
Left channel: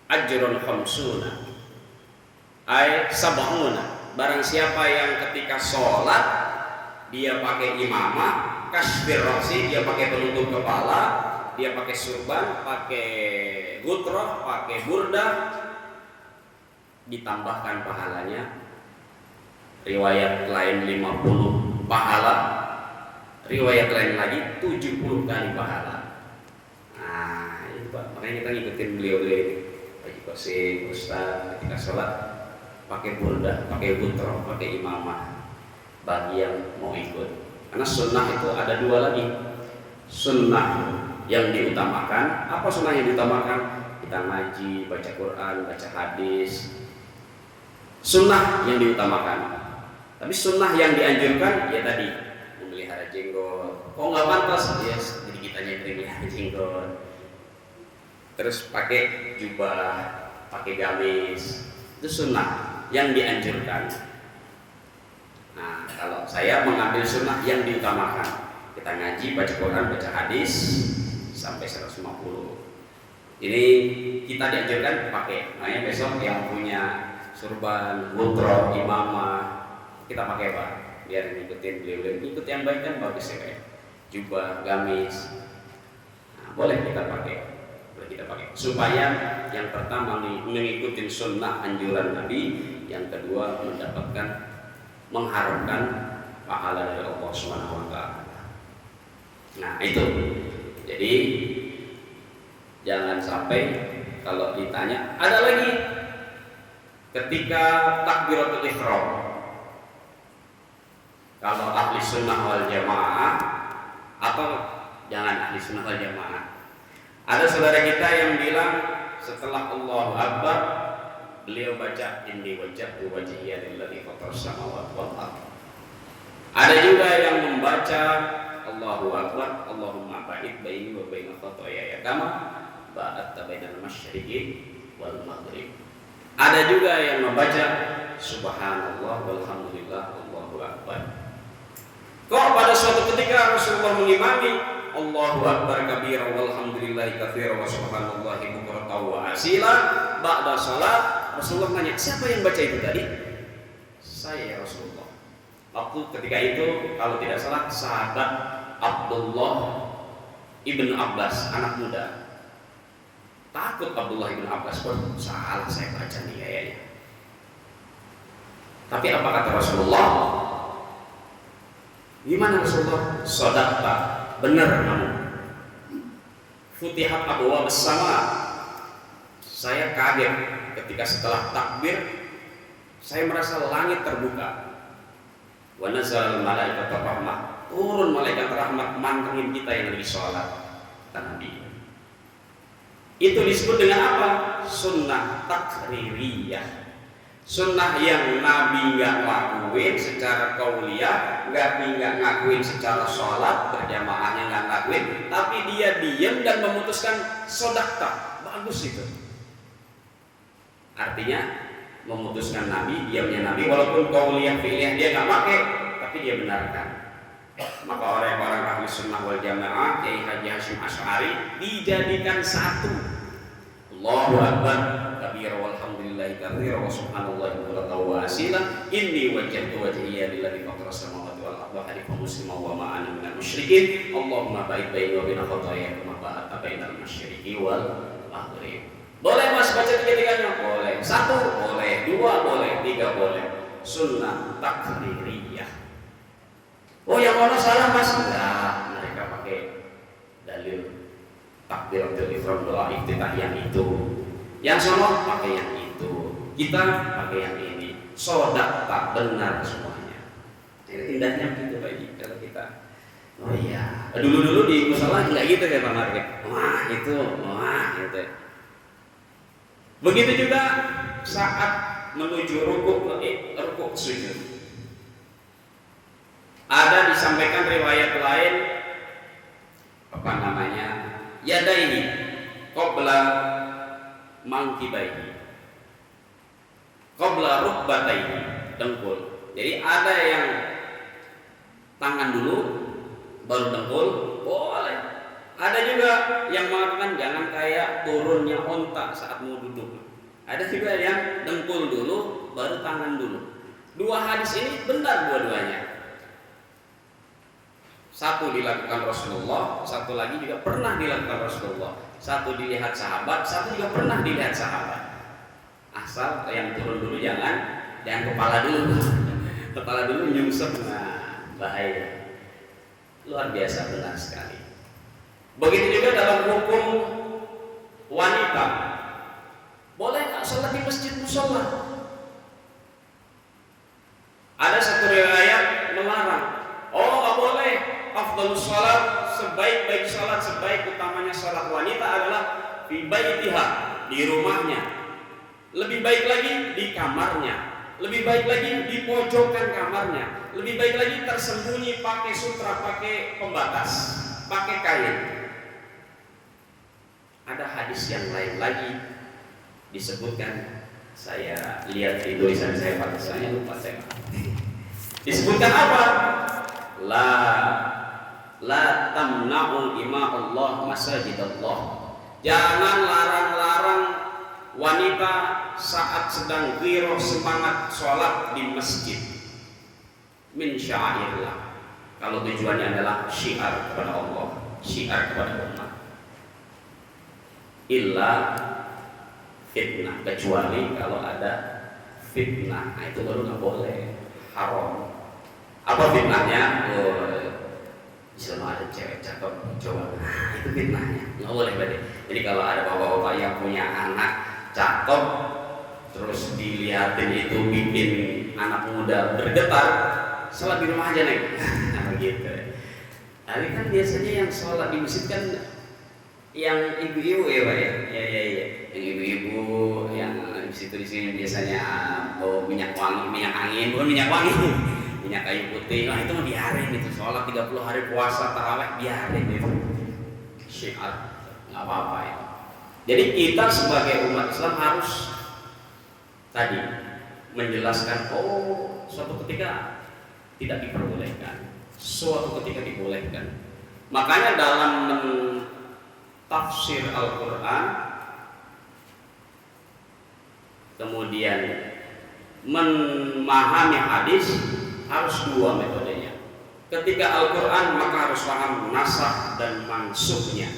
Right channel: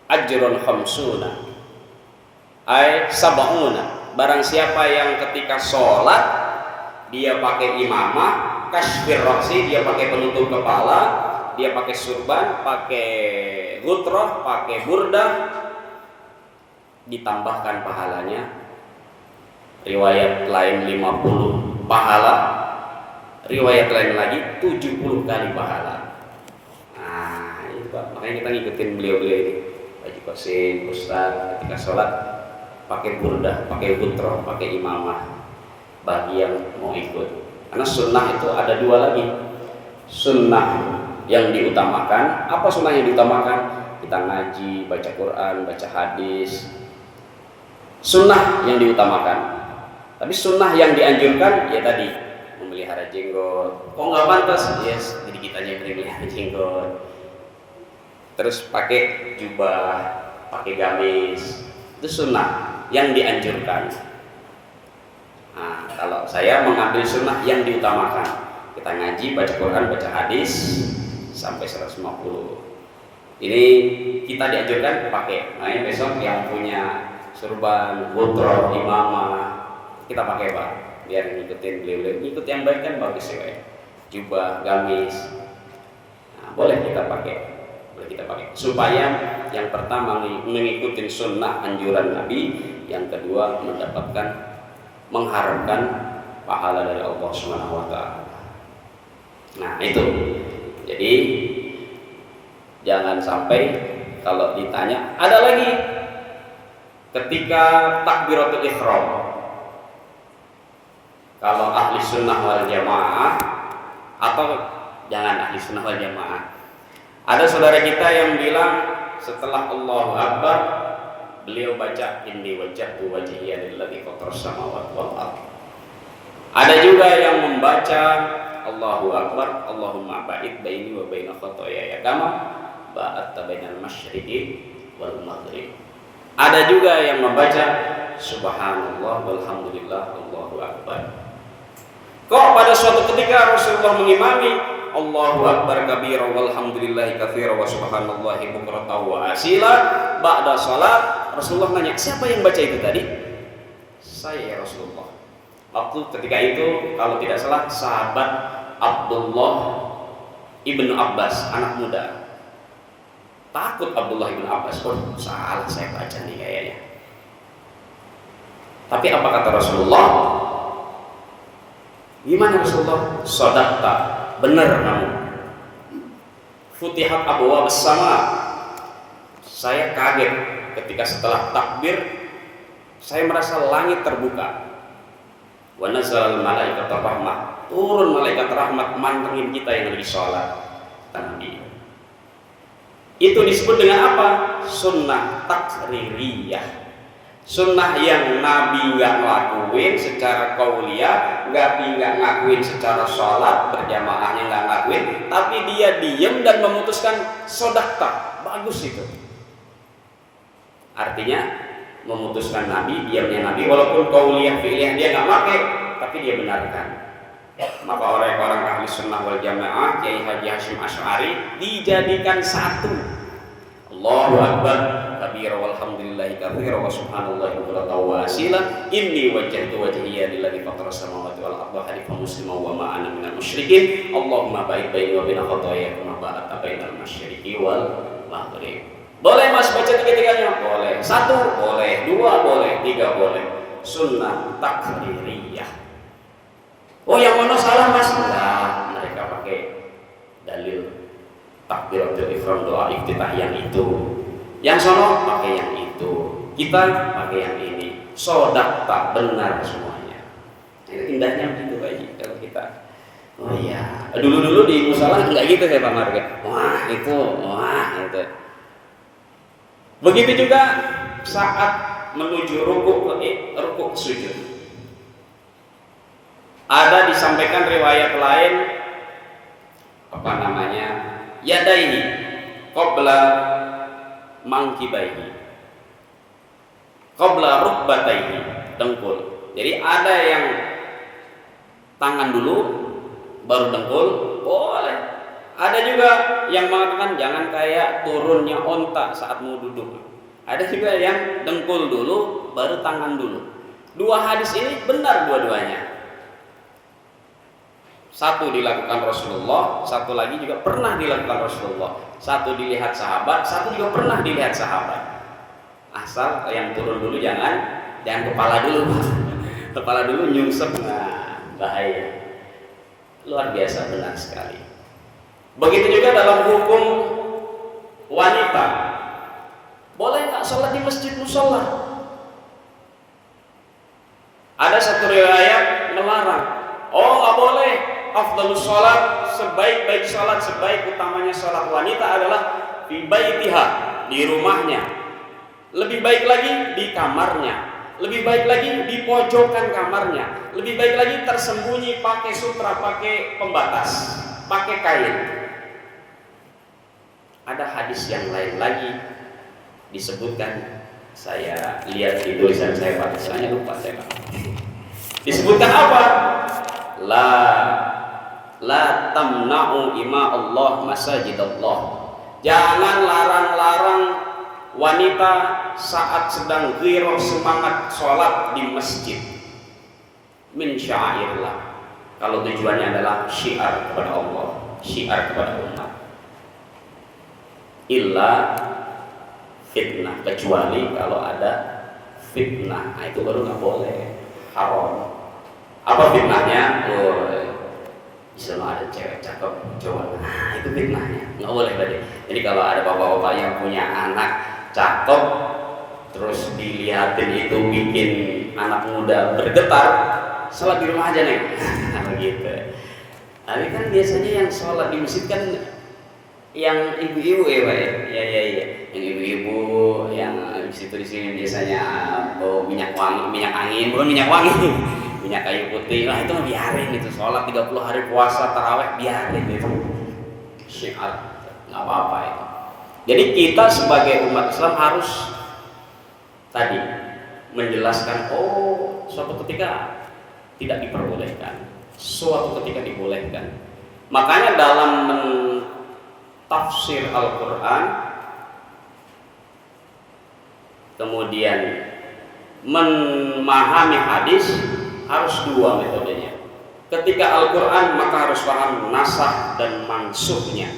ajrun khamsuna, ay sab'una. Barang siapa yang ketika sholat dia pakai imamah, kasfir ra'si, dia pakai penutup kepala, dia pakai surban, pakai gutroh, pakai burdah, ditambahkan pahalanya. Riwayat lain 50 pahala, riwayat lain lagi 70 kali pahala. Nah, itu Pak, makanya kita ngikutin beliau-beliau ini. Haji Qasim, Ustaz, ketika sholat pakai burdah, pakai gutroh, pakai imamah, bagi yang mau ikut. Karena sunnah itu ada dua lagi. Sunnah yang diutamakan, apa sunnah yang diutamakan? Kita ngaji, baca Quran, baca hadis. Sunnah yang diutamakan. Tapi sunnah yang dianjurkan ya tadi memelihara jenggot. Kok nggak pantas? Yes, jadi kitanya memelihara jenggot. Terus pakai jubah, pakai gamis. Itu sunnah yang dianjurkan. Nah, kalau saya mengambil sunnah yang diutamakan, kita ngaji, baca Quran, baca hadis sampai 150. Ini kita dianjurkan pakai. Makanya besok yang punya surban, gutroh, imamah, kita pakai Pak, biar ngikutin beliau-beliau. Ngikut yang baik kan bagus ya Pak ya. Jubah, gamis, nah, boleh kita pakai, supaya yang pertama mengikuti sunnah anjuran Nabi, yang kedua mengharapkan pahala dari Allah Subhanahu wa taala. Nah, itu. Jadi jangan sampai kalau ditanya, ada lagi ketika takbiratul ihram. Kalau ahli sunnah wal jamaah, atau jangan ahli sunnah wal jamaah, ada saudara kita yang bilang setelah Allahu Akbar beliau baca inni wajjahtu wajhiya lillazi fataras samawati wal ardh. Ada juga yang membaca Allahu Akbar Allahumma ba'id baini wa baina khataaya kama ba'adta bainal masyriqi wal maghrib. Ada juga yang membaca subhanallah walhamdulillah Allahu Akbar. Kok pada suatu ketika Rasulullah mengimami Allahu Akbar kabira walhamdulillahi katsira wa subhanallahi bukratan wa asila ba'da salat, Rasulullah nanya, siapa yang baca itu tadi? Saya ya Rasulullah. Waktu ketika itu kalau tidak salah sahabat Abdullah ibnu Abbas, anak muda. Takut Abdullah ibnu Abbas, oh salah saya baca nih kayaknya. Tapi apa kata Rasulullah? Gimana Rasulullah? Shadaqta, benar kamu. Futihat abwaab as-sama. Saya kaget ketika setelah takbir saya merasa langit terbuka. Wa nazalal malaikatu rahmah, turun malaikat rahmat mantengin kita yang lagi sholat. Nabi. Itu disebut dengan apa? Sunnah takririyah. Sunnah yang Nabi nggak ngelakuin secara qauliyah, nggak ngakuin secara sholat berjamaahnya nggak ngakuin, tapi dia diam dan memutuskan sodakta, bagus itu. Artinya memutuskan Nabi, diamnya Nabi, walaupun qauliyah fi'liyah dia nggak pakai, tapi dia benarkan. Maka orang-orang ahli sunnah wal jamaah, Kiai Haji Hasyim Asy'ari dijadikan satu. Allahu Akbar kabira walhamdulillahi katsira wa subhanallahi bukratan wa asila inni wajjahtu wajhiya lillazi fataras samawati wal arda hanifan musliman wa ma ana minal musyrikin Allahumma ba'id baini wa baina khataaya kama ba'adta bainal masyriqi wal maghrib. Boleh Mas baca tiga-tiganya? Boleh. Satu boleh, dua boleh, tiga boleh. Sunnah takririyah. Oh yang mana salah Mas? Enggak, mereka pakai dalil takbiratul ihram, doa iftitah yang itu. Yang sono pakai yang itu. Kita pakai yang ini. Shadaqta, benar semuanya. Indahnya begitu Pak, kalau kita. Oh iya, dulu-dulu di musala enggak gitu kayak Pak Marga. Wah, itu, wah, gitu. Begitu juga saat menuju rukuk sujud. Ada disampaikan riwayat lain apa namanya? Yadaihi qabla mangkibaihi. Qabla rukbataihi, dengkul. Jadi ada yang tangan dulu baru dengkul, boleh. Ada juga yang mengatakan jangan kayak turunnya onta saat mau duduk. Ada juga yang dengkul dulu baru tangan dulu. Dua hadis ini benar dua-duanya. Satu dilakukan Rasulullah, satu lagi juga pernah dilakukan Rasulullah. Satu dilihat sahabat, satu juga pernah dilihat sahabat. Asal yang turun dulu jangan kepala dulu. Kepala dulu nyungsep, nah bahaya. Luar biasa, benar sekali. Begitu juga dalam hukum wanita. Boleh nggak sholat di masjid musola? Ada satu riwayat melarang. Oh, nggak boleh. Afdalus sholat, sebaik-baik sholat, sebaik utamanya sholat wanita adalah fi baitiha, di rumahnya. Lebih baik lagi di kamarnya. Lebih baik lagi di pojokan kamarnya. Lebih baik lagi tersembunyi pakai sutra, pakai pembatas, pakai kain. Ada hadis yang lain lagi disebutkan, saya lihat di tulisan saya Pak, soalnya lupa saya Pak. Disebutkan apa? La tamna'u ima Allah masajidallah. Jangan larang-larang wanita saat sedang ghirah semangat sholat di masjid. Min sya'airillah. Kalau tujuannya adalah syiar kepada Allah, syiar kepada umat. Illa fitnah, kecuali kalau ada fitnah, nah itu baru nggak boleh, haram. Apa fitnahnya? Misalnya ada cewek cakep cowok, nah itu fitnahnya, nggak boleh berarti. Jadi kalau ada bapak-bapak yang punya anak cakep, terus dilihatin itu bikin anak muda bergetar, sholat di rumah aja nih, begitu. Tapi kan biasanya yang sholat di masjid kan yang ibu-ibu ya Pak ya, yang ibu-ibu yang di sini biasanya bawa minyak angin, bukan minyak wangi, minyak kayu putih. Lah itu mah biarin itu, sholat 30 hari puasa taraweh biarin itu, syiar nggak apa-apa itu. Jadi kita sebagai umat Islam harus tadi menjelaskan, oh suatu ketika tidak diperbolehkan, suatu ketika dibolehkan. Makanya dalam tafsir Al-Quran, kemudian memahami hadis harus dua metodenya. Ketika Al-Quran maka harus paham nasakh dan mansukhnya.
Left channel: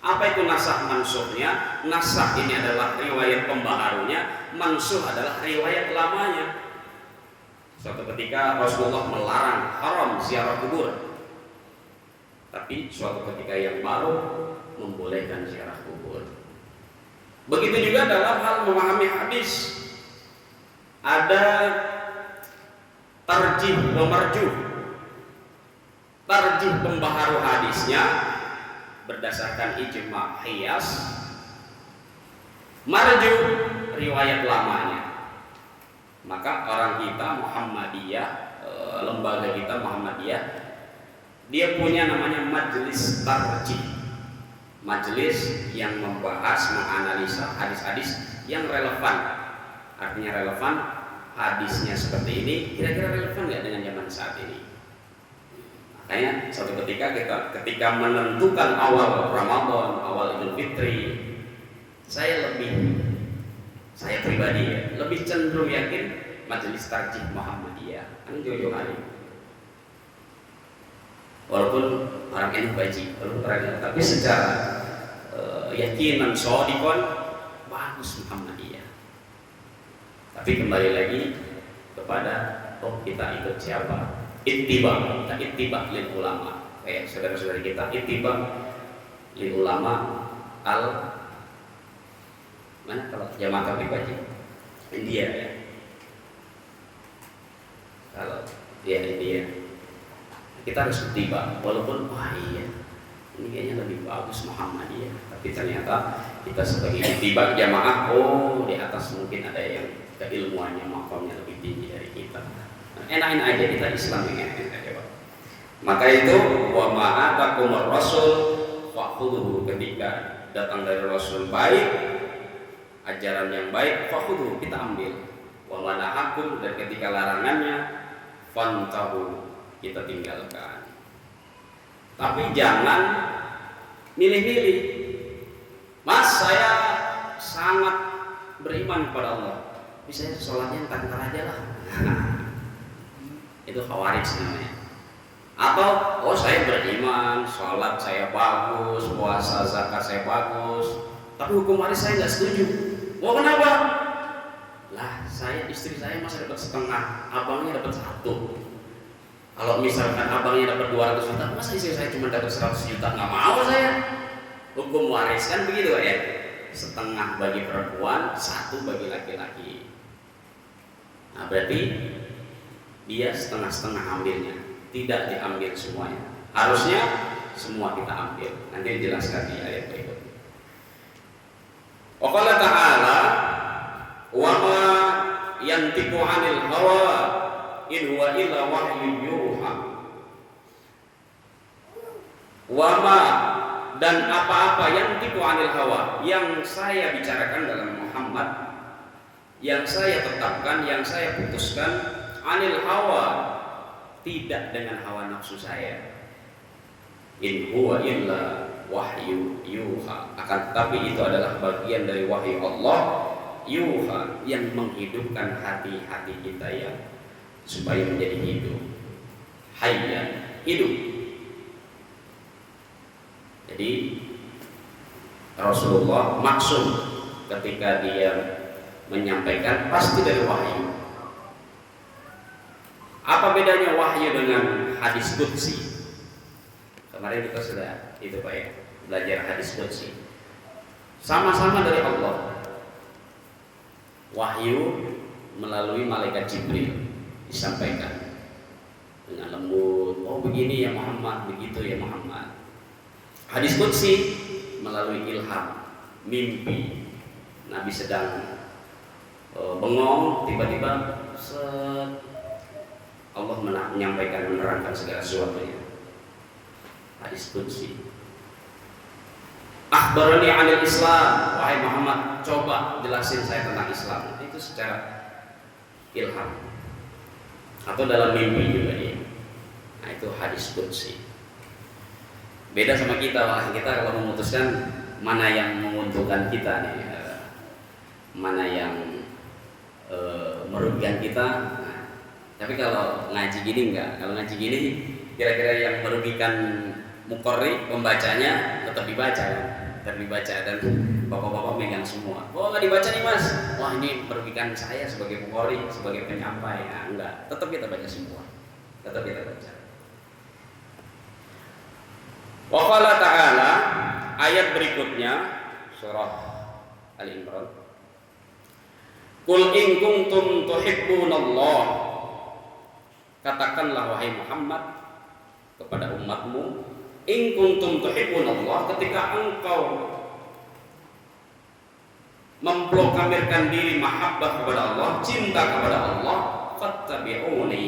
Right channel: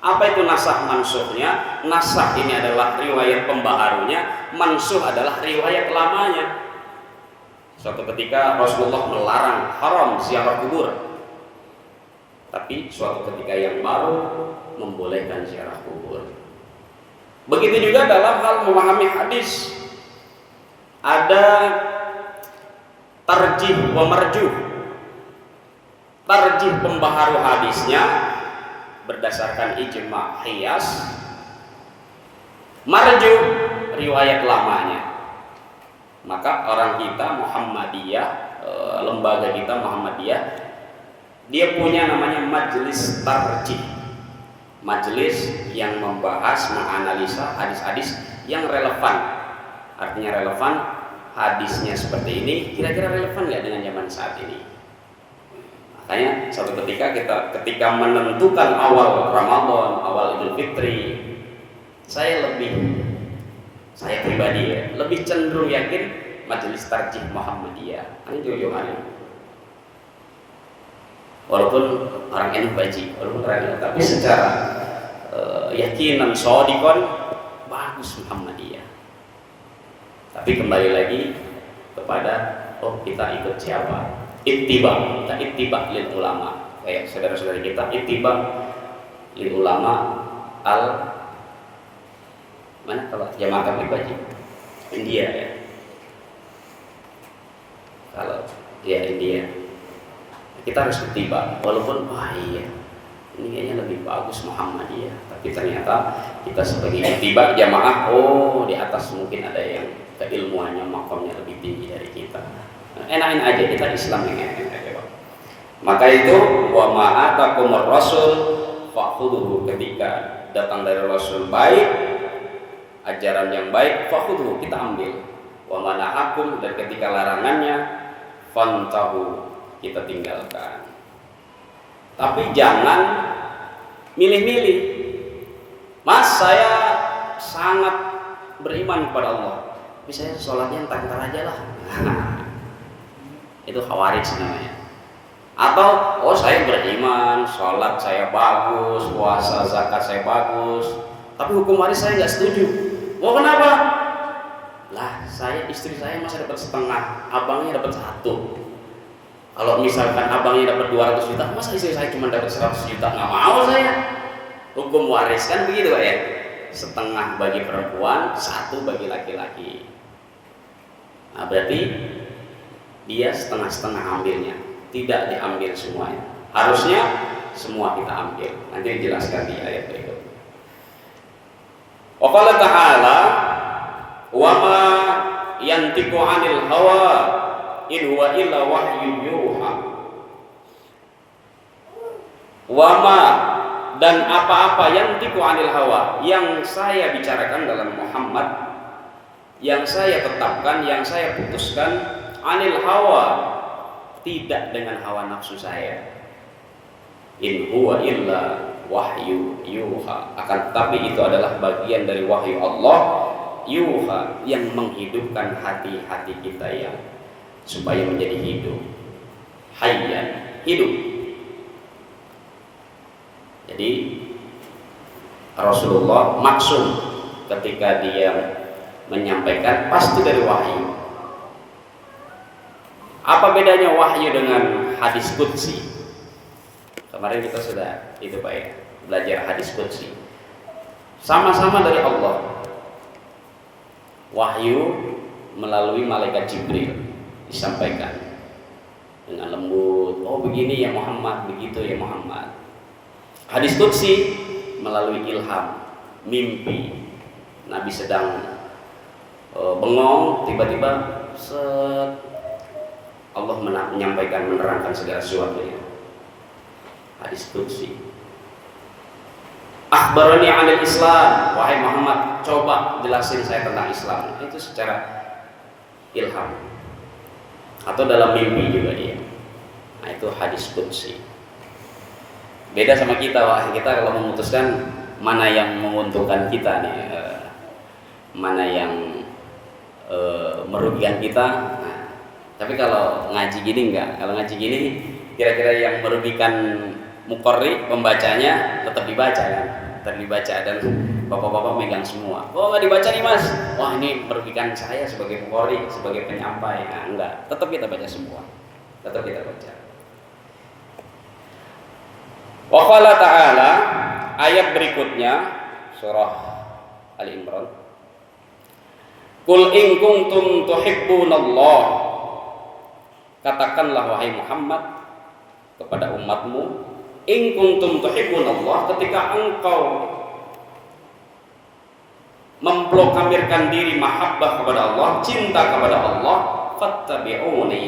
Apa itu nasakh mansukhnya? Nasakh ini adalah riwayat pembaharunya, mansukh adalah riwayat lamanya. Suatu ketika Rasulullah melarang haram ziarah kubur, tapi suatu ketika yang baru membolehkan ziarah kubur. Begitu juga dalam hal memahami hadis, ada tarjih wa marjuh. Tarjih pembaharu hadisnya berdasarkan ijma' qiyas, marjuh riwayat lamanya. Maka orang kita Muhammadiyah, lembaga kita Muhammadiyah, dia punya namanya majelis tarjih, majelis yang membahas, menganalisa hadis-hadis yang relevan. Artinya relevan, hadisnya seperti ini, kira-kira relevan nggak dengan zaman saat ini? Makanya suatu ketika menentukan awal Ramadan, awal Idul Fitri, saya pribadi ya, lebih cenderung yakin majelis tarjih Muhammadiyah. Ini jauh-jauh hari. Walaupun orang NU baji, tapi secara yakinan shadikon bagus Muhammadiyah. Tapi kembali lagi kepada kita ikut siapa? Ittiba, kita ittiba lil ulama. Kayak saudara-saudara kita ittiba lil ulama mana kalau jamaah tabligh baji? India ya. Kalau ya India, kita harus ittiba, walaupun iya ini kayaknya lebih bagus Muhammadiyah, tapi ternyata kita sebagai ittiba jamaah, di atas mungkin ada yang keilmuannya makamnya lebih tinggi dari kita. Enakin aja, kita Islam yang enak aja Pak. Maka itu wa ma'atakumur rasul fakhudhuhu, ketika datang dari Rasul baik, ajaran yang baik, fakhudhuhu, kita ambil. Wa manahakum, dan ketika larangannya, fantahu, kita tinggalkan. Tapi jangan milih-milih. Mas, saya sangat beriman kepada Allah, tapi saya sholatnya entar-entar aja lah. Itu khawarij namanya. Atau saya beriman, sholat saya bagus, puasa zakat saya bagus, tapi hukum waris saya nggak setuju. Kenapa? Lah, istri saya masih dapat setengah, abangnya dapat 1. Kalau misalkan abangnya dapat 200 juta, masa istri saya cuma dapat 100 juta? Nggak mau saya. Hukum waris kan begitu Pak ya. Setengah bagi perempuan, 1 bagi laki-laki. Nah, berarti dia setengah-setengah ambilnya, tidak diambil semuanya. Harusnya semua kita ambil. Nanti dijelaskan di ayat berikut. Wa qala ta'ala wa ma yantiqu 'anil hawa in huwa illa wahyun yuha. Wa ma, dan apa-apa yang tiku anil hawa, yang saya bicarakan dalam Muhammad, yang saya tetapkan, yang saya putuskan, anil hawa, tidak dengan hawa nafsu saya. In huwa illa wahyu yuha, akan tetapi itu adalah bagian dari wahyu Allah, yuha, yang menghidupkan hati-hati kita ya, supaya menjadi hidup, hayyan, hidup. Jadi Rasulullah maksum ketika dia menyampaikan pasti dari wahyu. Apa bedanya wahyu dengan hadis qudsi? Kemarin kita sudah itu Pak ya, belajar hadis qudsi. Sama-sama dari Allah. Wahyu melalui malaikat Jibril disampaikan dengan lembut. Begini ya Muhammad, begitu ya Muhammad. Hadis qudsi melalui ilham, mimpi. Nabi sedang bengong, tiba-tiba Allah menyampaikan, menerangkan segala sesuatunya. Hadis qudsi. Akhbarani 'anil Islam, wahai Muhammad, coba jelasin saya tentang Islam. Itu secara ilham. Atau dalam mimpi juga dia. Nah, itu hadis qudsi. Beda sama kita, kita kalau memutuskan mana yang menguntungkan kita nih, mana yang merugikan kita. Nah, tapi kalau ngaji gini enggak. Kalau ngaji gini kira-kira yang merugikan muqarri, pembacanya tetap dibaca kan, tetap dibaca, dan bapak-bapak megang semua. Nggak dibaca nih Mas. Wah, ini merugikan saya sebagai muqarri, sebagai penyampai. Nah, enggak, tetap kita baca semua, tetap kita baca. Wa qala ta'ala, ayat berikutnya surah Ali Imran. Qul in kuntum tuhibbunallah, katakanlah wahai Muhammad kepada umatmu, in kuntum tuhibbunallah, ketika engkau memproklamirkan diri mahabbah kepada Allah, cinta kepada Allah, fattabi'uni,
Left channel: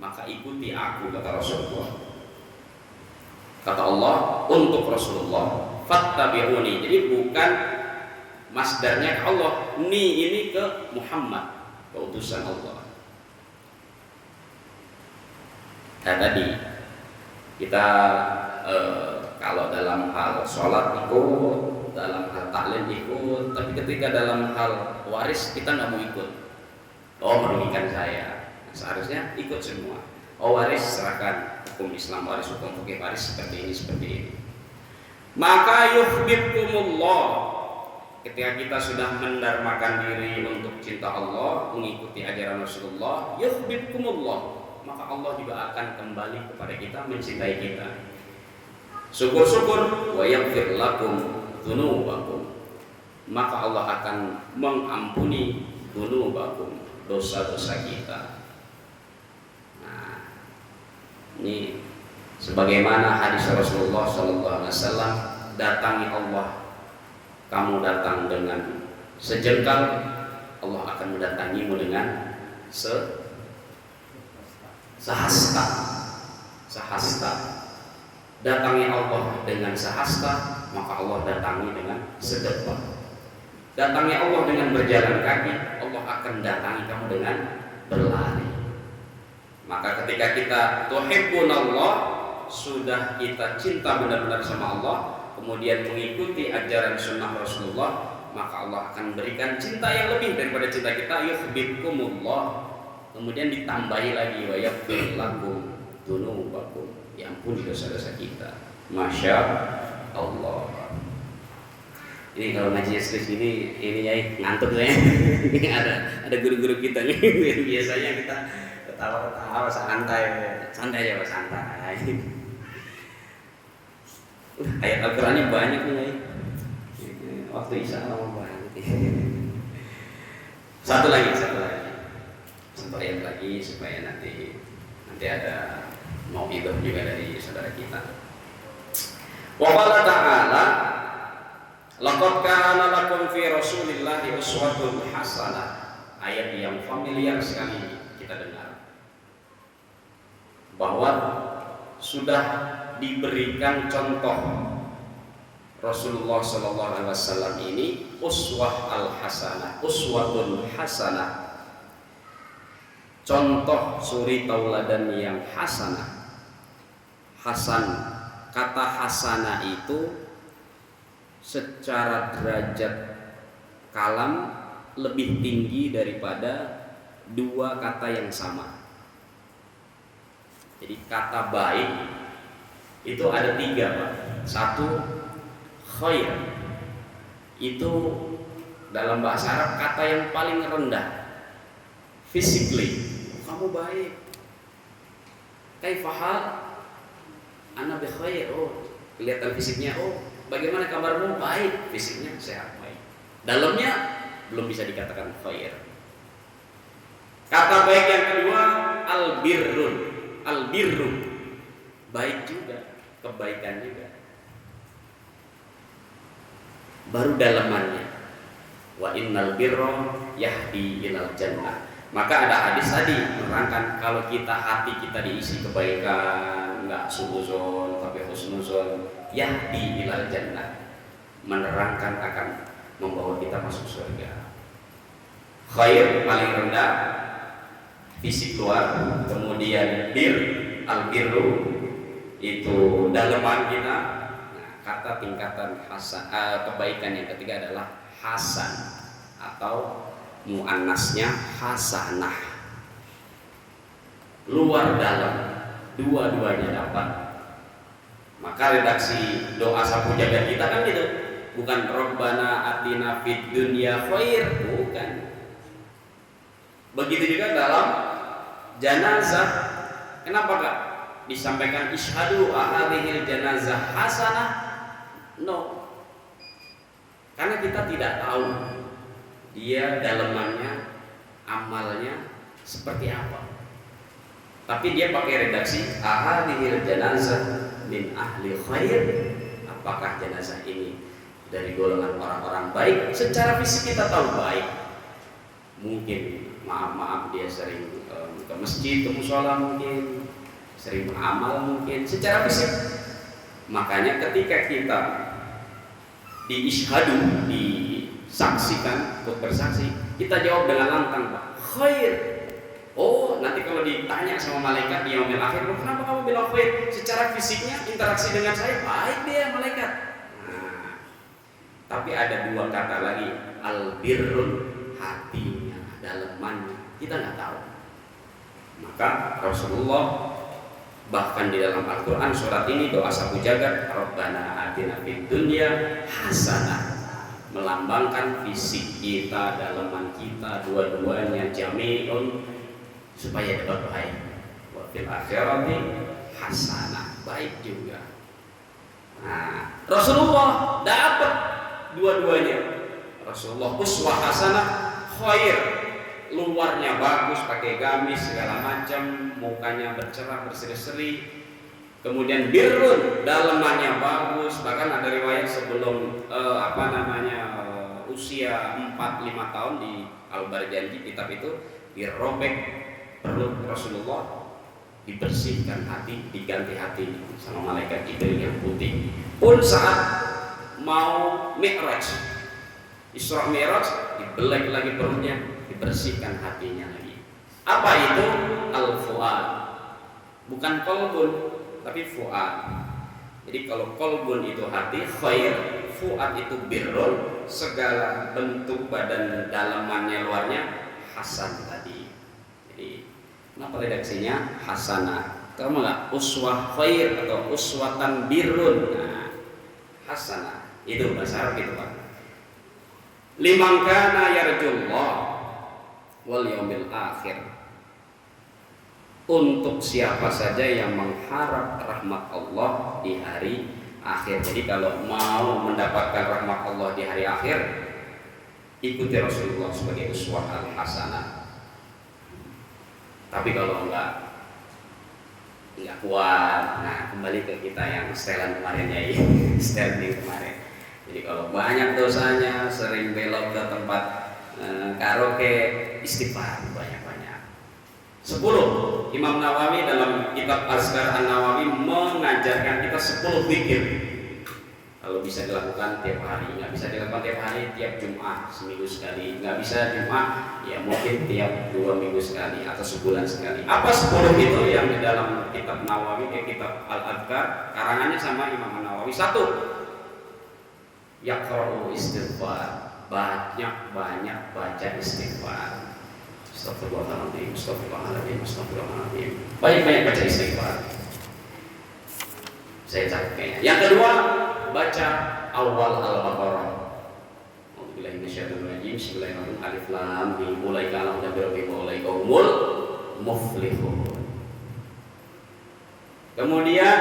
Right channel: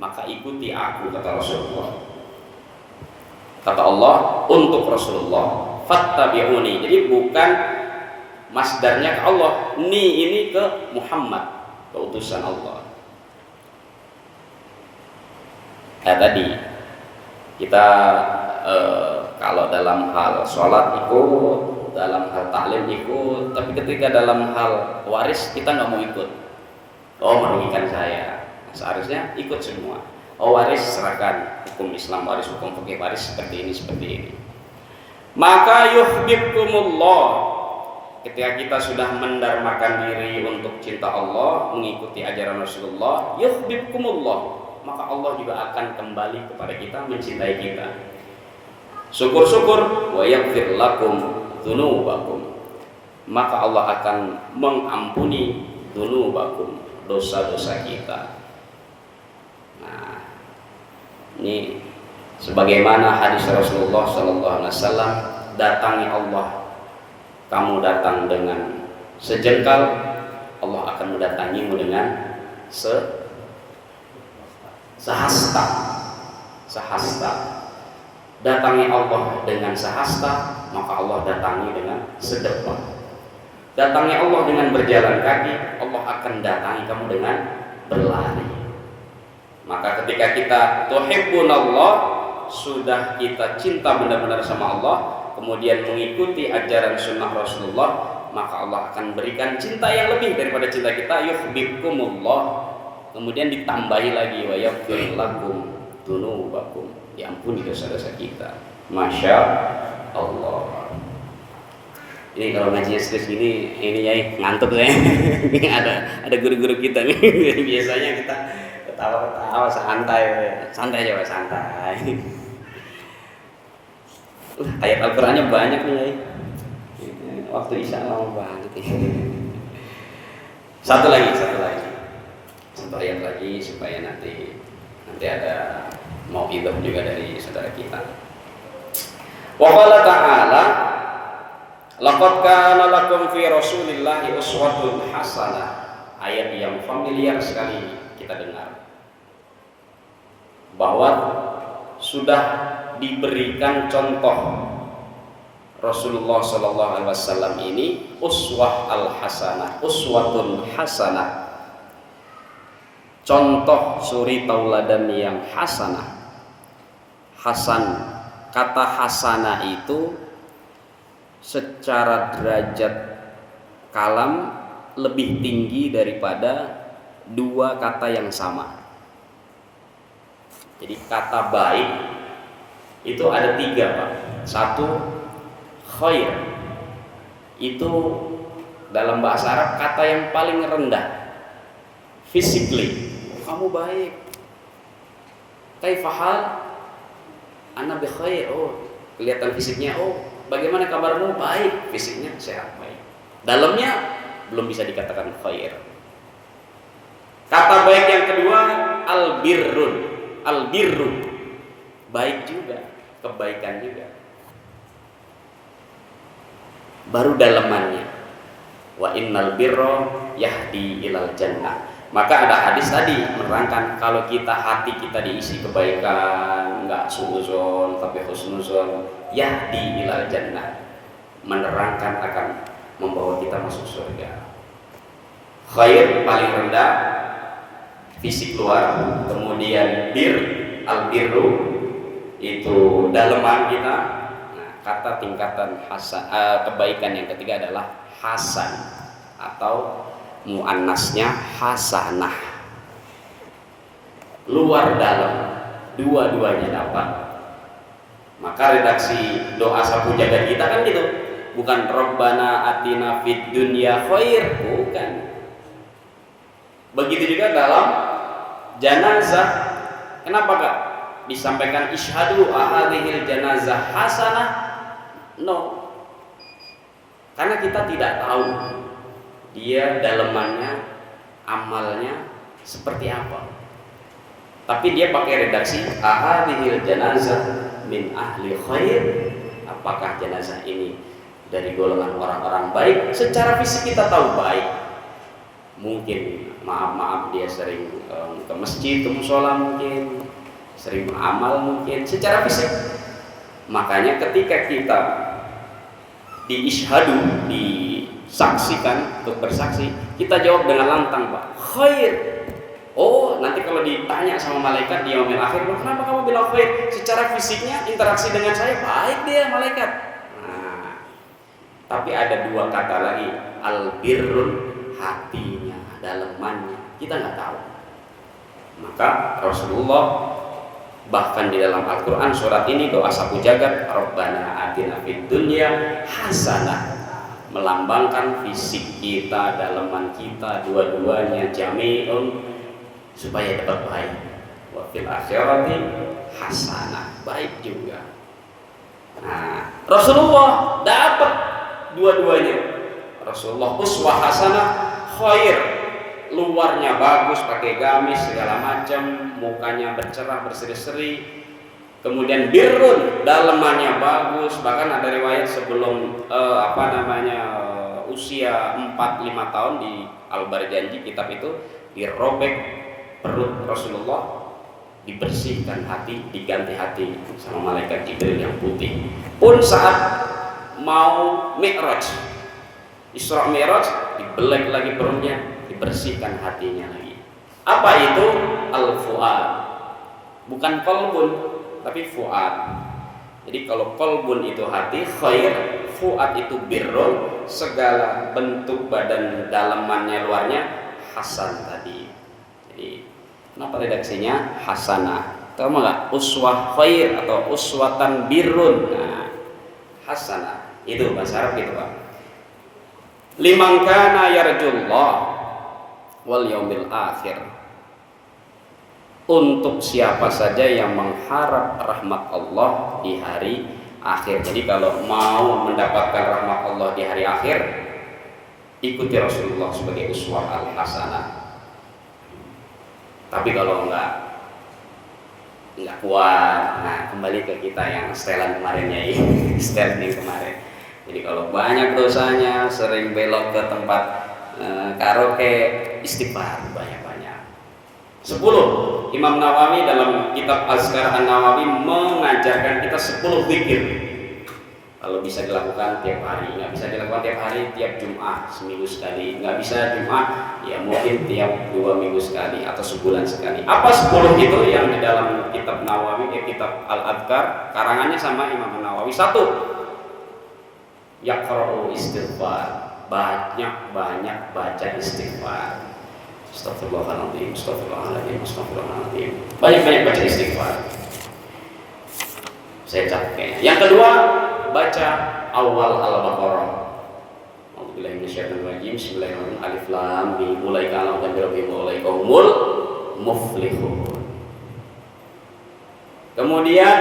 maka ikuti aku, kata Rasulullah. Kata Allah untuk Rasulullah, fattabi'uni. Jadi bukan masdarnya ke Allah, ini ke Muhammad, ke utusan Allah. Tadi kita kalau dalam hal sholat ikut, dalam hal taklim ikut, tapi ketika dalam hal waris kita nggak mau ikut. Merugikan saya. Seharusnya ikut semua. Waris serahkan, hukum Islam waris, hukum fikih waris seperti ini. Maka yuhibbukumullah, ketika kita sudah mendarmakan diri untuk cinta Allah, mengikuti ajaran Rasulullah, yuhibbukumullah, maka Allah juga akan kembali kepada kita, mencintai kita. Syukur-syukur, wa yaghfir lakum dzunubakum, maka Allah akan mengampuni dzunubakum, dosa-dosa kita. Ini sebagaimana hadis Rasulullah SAW, datangi Allah, kamu datang dengan sejengkal, Allah akan mendatangimu dengan sehasta. sahasta. Datangi Allah dengan sahasta, maka Allah datangi dengan sedekah. Datangi Allah dengan berjalan kaki, Allah akan datangi kamu dengan berlari. Maka ketika kita tuhibbunallah, sudah kita cinta benar-benar sama Allah, kemudian mengikuti ajaran sunnah Rasulullah, maka Allah akan berikan cinta yang lebih daripada cinta kita. Yuhibbukumullah, kemudian ditambahi lagi wa yaghfir lakum dzunubakum, diampuni dosa-dosa kita. Masya Allah. Ini kalau ngajinya serius gini, ini ya ngantuk saya. Ini ada guru-guru kita nih. Biasanya kita ketawa-ketawa santai aja, santai. Ayat Al-Qur'annya banyak nih, ya. Waktu Isya lama banget. Satu lagi. Satu ayat lagi supaya nanti ada mau'izah juga dari saudara kita. Wa qala ta'ala, laqad kana lakum fi Rasulillahi uswatun hasanah. Ayat yang familiar sekali kita dengar, bahwa sudah diberikan contoh Rasulullah sallallahu alaihi wasallam ini uswah al-hasanah, uswatun hasanah, contoh suri tauladan yang hasanah. Hasan, kata hasanah itu secara derajat kalam lebih tinggi daripada dua kata yang sama. Jadi kata baik itu ada tiga, Pak. Satu, khair, itu dalam bahasa Arab kata yang paling rendah. Physically, kamu baik. Kaifahal? Ana bi khair. Oh, kelihatan fisiknya. Oh, bagaimana kabarmu? Baik, fisiknya sehat, baik. Dalamnya belum bisa dikatakan khair. Kata baik yang kedua, albirrun. Albirru, baik juga, kebaikan juga. Baru dalamannya, wa innal birra yahdi ilal jannah. Maka ada hadis tadi menerangkan kalau hati kita diisi kebaikan, enggak suudzon tapi husnuzon, yahdi ilal jannah, menerangkan akan membawa kita masuk surga. Khair paling rendah, fisik luar, kemudian albirru itu dalaman kita. Nah, kata tingkatan hasan, kebaikan yang ketiga adalah hasan atau muannasnya hasanah, luar dalam, dua-duanya dapat. Maka redaksi doa sapu jagat kita kan gitu, bukan Rabbana atina fid dunya khair, bukan. Begitu juga dalam janazah, kenapa Kak disampaikan isyhadu ahadihil janazah hasanah? No, karena kita tidak tahu dia dalamannya, amalnya seperti apa. Tapi dia pakai redaksi ahadihil janazah min ahli khair. Apakah jenazah ini dari golongan orang-orang baik? Secara fisik kita tahu baik. Mungkin maaf dia sering ke masjid, ke musola, mungkin sering beramal, mungkin secara fisik. Makanya ketika kita diishadu, disaksikan untuk bersaksi, kita jawab dengan lantang, Pak, khair. Oh, nanti kalau ditanya sama malaikat di yaumil akhir, kenapa kamu bilang khair? Secara fisiknya interaksi dengan saya baik dia malaikat. Nah, tapi ada dua kata lagi, albirrun, hatinya, dalamannya kita nggak tahu. Maka Rasulullah bahkan di dalam Al-Quran surat ini doa sapu jagat, Rabbana atina fid dunya hasanah, melambangkan fisik kita, dalaman kita, dua-duanya jami'un, supaya dapat baik. Wa fil akhirati hasanah, baik juga. Nah, Rasulullah dapat dua-duanya. Rasulullah uswah hasanah, khair, luarnya bagus, pakai gamis segala macam, mukanya bercerah berseri-seri. Kemudian birrun, dalamannya bagus. Bahkan ada riwayat sebelum usia 4-5 tahun di Al-Barjanji kitab itu dirobek perut Rasulullah, dibersihkan hati, diganti hati sama malaikat Jibril yang putih. Pun saat mau Mi'raj, Isra Mi'raj, dibelek lagi perutnya, dibersihkan hatinya lagi. Apa itu? Al-fuad. Bukan qalbun, tapi fuad. Jadi kalau qalbun itu hati, khair, fuad itu birrun, segala bentuk badan dalamannya luarnya hasan tadi. Jadi kenapa redaksinya hasanah? Tahu nggak? Uswah khair atau uswatan birrun. Nah, hasanah itu bahasa Arab gitu Pak. Liman kana yarjullah wal yaumil akhir. Untuk siapa saja yang mengharap rahmat Allah di hari akhir. Jadi kalau mau mendapatkan rahmat Allah di hari akhir, ikuti Rasulullah sebagai uswah al-hasanah. Tapi kalau enggak kuat, nah kembali ke kita yang setelan kemarin ya, setelan kemarin. Jadi kalau banyak dosanya, sering belok ke tempat karaoke, istighfar banyak-banyak. 10. Imam Nawawi dalam kitab Azkar An-Nawawi mengajarkan kita 10 zikir. Kalau bisa dilakukan tiap hari, nggak bisa dilakukan tiap hari, tiap Jumat seminggu sekali, nggak bisa Jumat, ya mungkin tiap 2 minggu sekali atau sebulan sekali. Apa 10 itu yang di dalam kitab Nawawi, kitab Al-Adhkar, karangannya sama Imam Nawawi. 1. Yaqra'u istighfar, banyak baca istighfar. Astagfirullahaladzim, astagfirullahaladzim, astagfirullahaladzim. Banyak baca istighfar. Saya capek. Yang kedua, baca awal Al-Baqarah. A'udzubillahi minasyaitonir rajim. Bismillahirrahmanirrahim. Alif lam mim. Ulaika ala rabbihim wa ulaika humul muflihun. Kemudian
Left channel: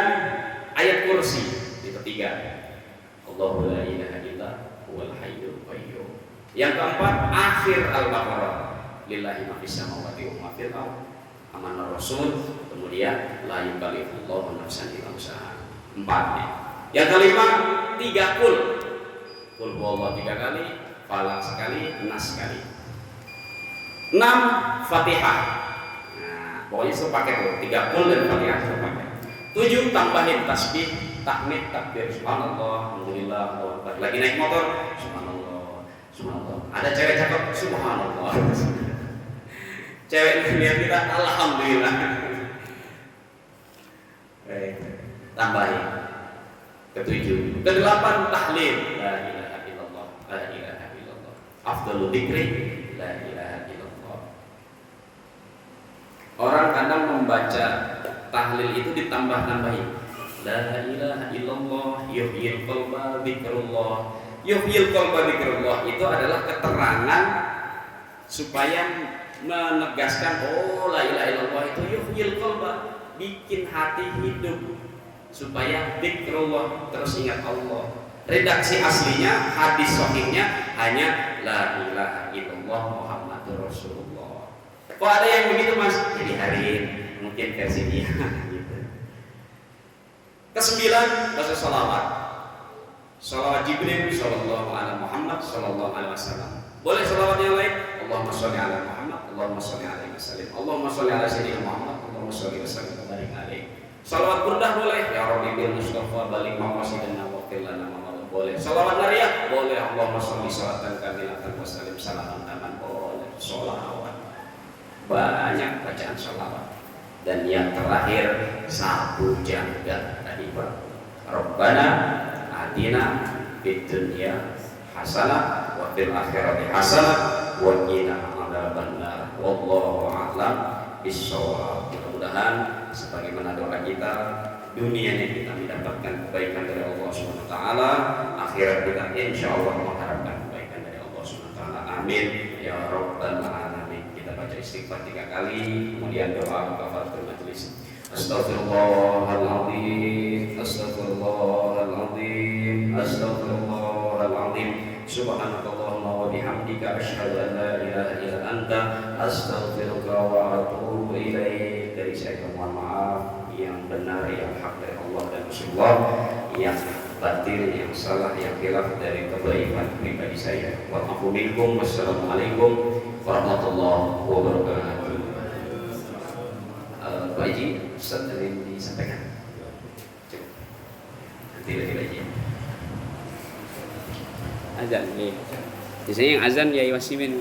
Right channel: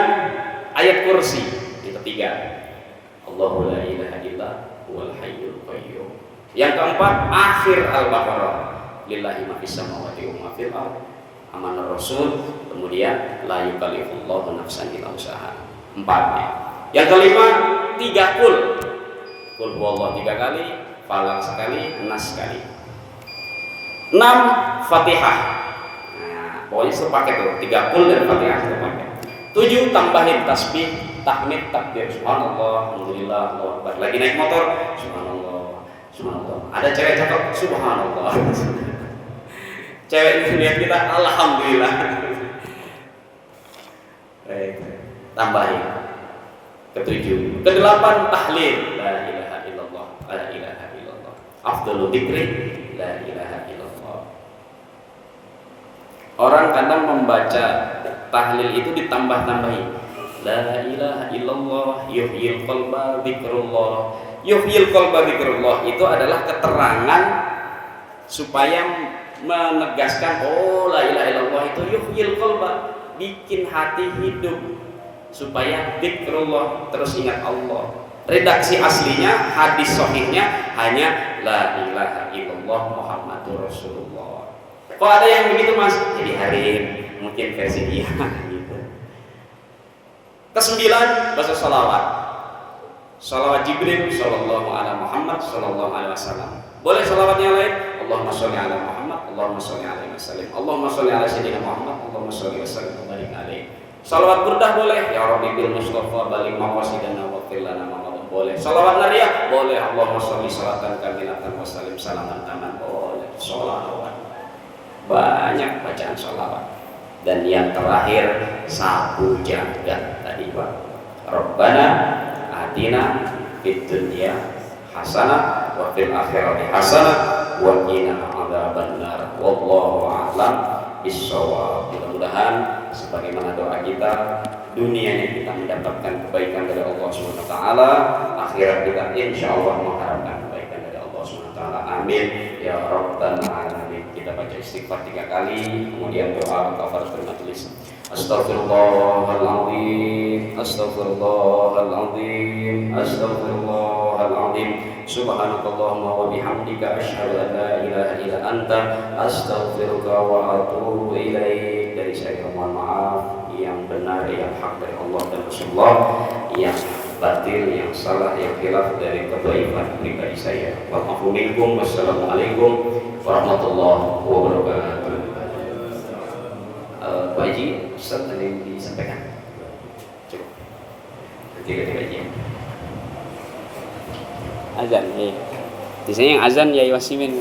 ayat kursi yang ketiga. Allahu la ilaha illa huwal hayyul qayyum. Yang keempat, akhir Al-Baqarah. Lillahi ma fis samawati wa ma fil ardh. Amanah Rasul. Kemudian la yukallifullahu nafsan illa wus'aha. 4. Yang kelima, 3 kul. Kul huwallahu 3 kali, falak sekali, nas sekali. 6. Fatihah. Nah, pokoknya sepaket tuh, 3 kul dan Fatihah sepaket. 7. Tambahin tasbih, tahmid, takbir, subhanallah, alhamdulillah, Allahu akbar. Lagi naik motor, subhanallah, subhanallah. Ada cewek cakep, subhanallah. Cewek lihat kita, alhamdulillah. Tambahin. Ke-7. Ke-8 tahlil, la ilaha illallah, la ilaha illallah. Afdhalul dzikri, la ilaha illallah. Orang kadang membaca tahlil itu ditambah-tambahin. La ilaha illallah, yuhyil qalba dzikrullah. Yuhyil qalba dzikrullah itu adalah keterangan supaya menegaskan, oh la ilaha illallah itu yuhyil qalba, bikin hati hidup, supaya dzikrullah, terus ingat Allah. Redaksi aslinya, hadis sahihnya hanya la ilaha illallah Muhammadur Rasulullah. Kok ada yang begitu Mas? Jadi hariin, mungkin versi dia gitu. Ke-9, baca salawat. Salawat Jibril sallallahu alaihi Muhammad sallallahu alaihi wasallam. Boleh salawatnya lain? Allahumma sholli ala Muhammad, Allahumma sholli alaihi wasallam, Allahumma sholli ala sayyidina Muhammad, Allahumma sholli wa sallim wa barik alaihi. Salawat burdah boleh, ya Rabbi bil Mustafa balik maqasidana wa qil lana ma boleh. Salawat nariyah boleh, Allahumma sholli salatan kamilatan wa sallim salaman taman boleh. Sholawat. Banyak bacaan sholawat. Dan yang terakhir sabu jagat tadi Pak. Rabbana atina fid dunya hasanah wa fil akhirati hasanah wa qina adzabannar. Wallahu a'lam bissawab. Mudah-mudahan sebagaimana doa kita, dunianya kita mendapatkan kebaikan dari Allah SWT, akhirat kita insyaallah mengharapkan kebaikan dari Allah SWT. Amin ya rabbal alamin. Kita baca istighfar 3 kali, kemudian doa kafaratul majlis. Astaghfirullahaladzim, astaghfirullahaladzim, astaghfirullahaladzim. Subhanakallahumma wa bihamdika asyhadu an la ilaha illa anta astaghfiruka wa atubu ilaik. Dari saya mohon maaf, yang benar yang hak dari Allah dan Rasulullah, yang batil yang salah yang khilaf dari kebaikan pribadi saya. Wassalamualaikum warahmatullahi wabarakatuh. Pak Haji Ustaz ada yang disampaikan? Cukup. Tiga-tiga aja. Azan, ya. Biasanya yang azan ya Wasimin.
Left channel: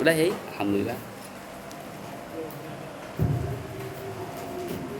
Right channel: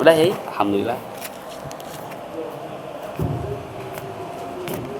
Udah ya, alhamdulillah.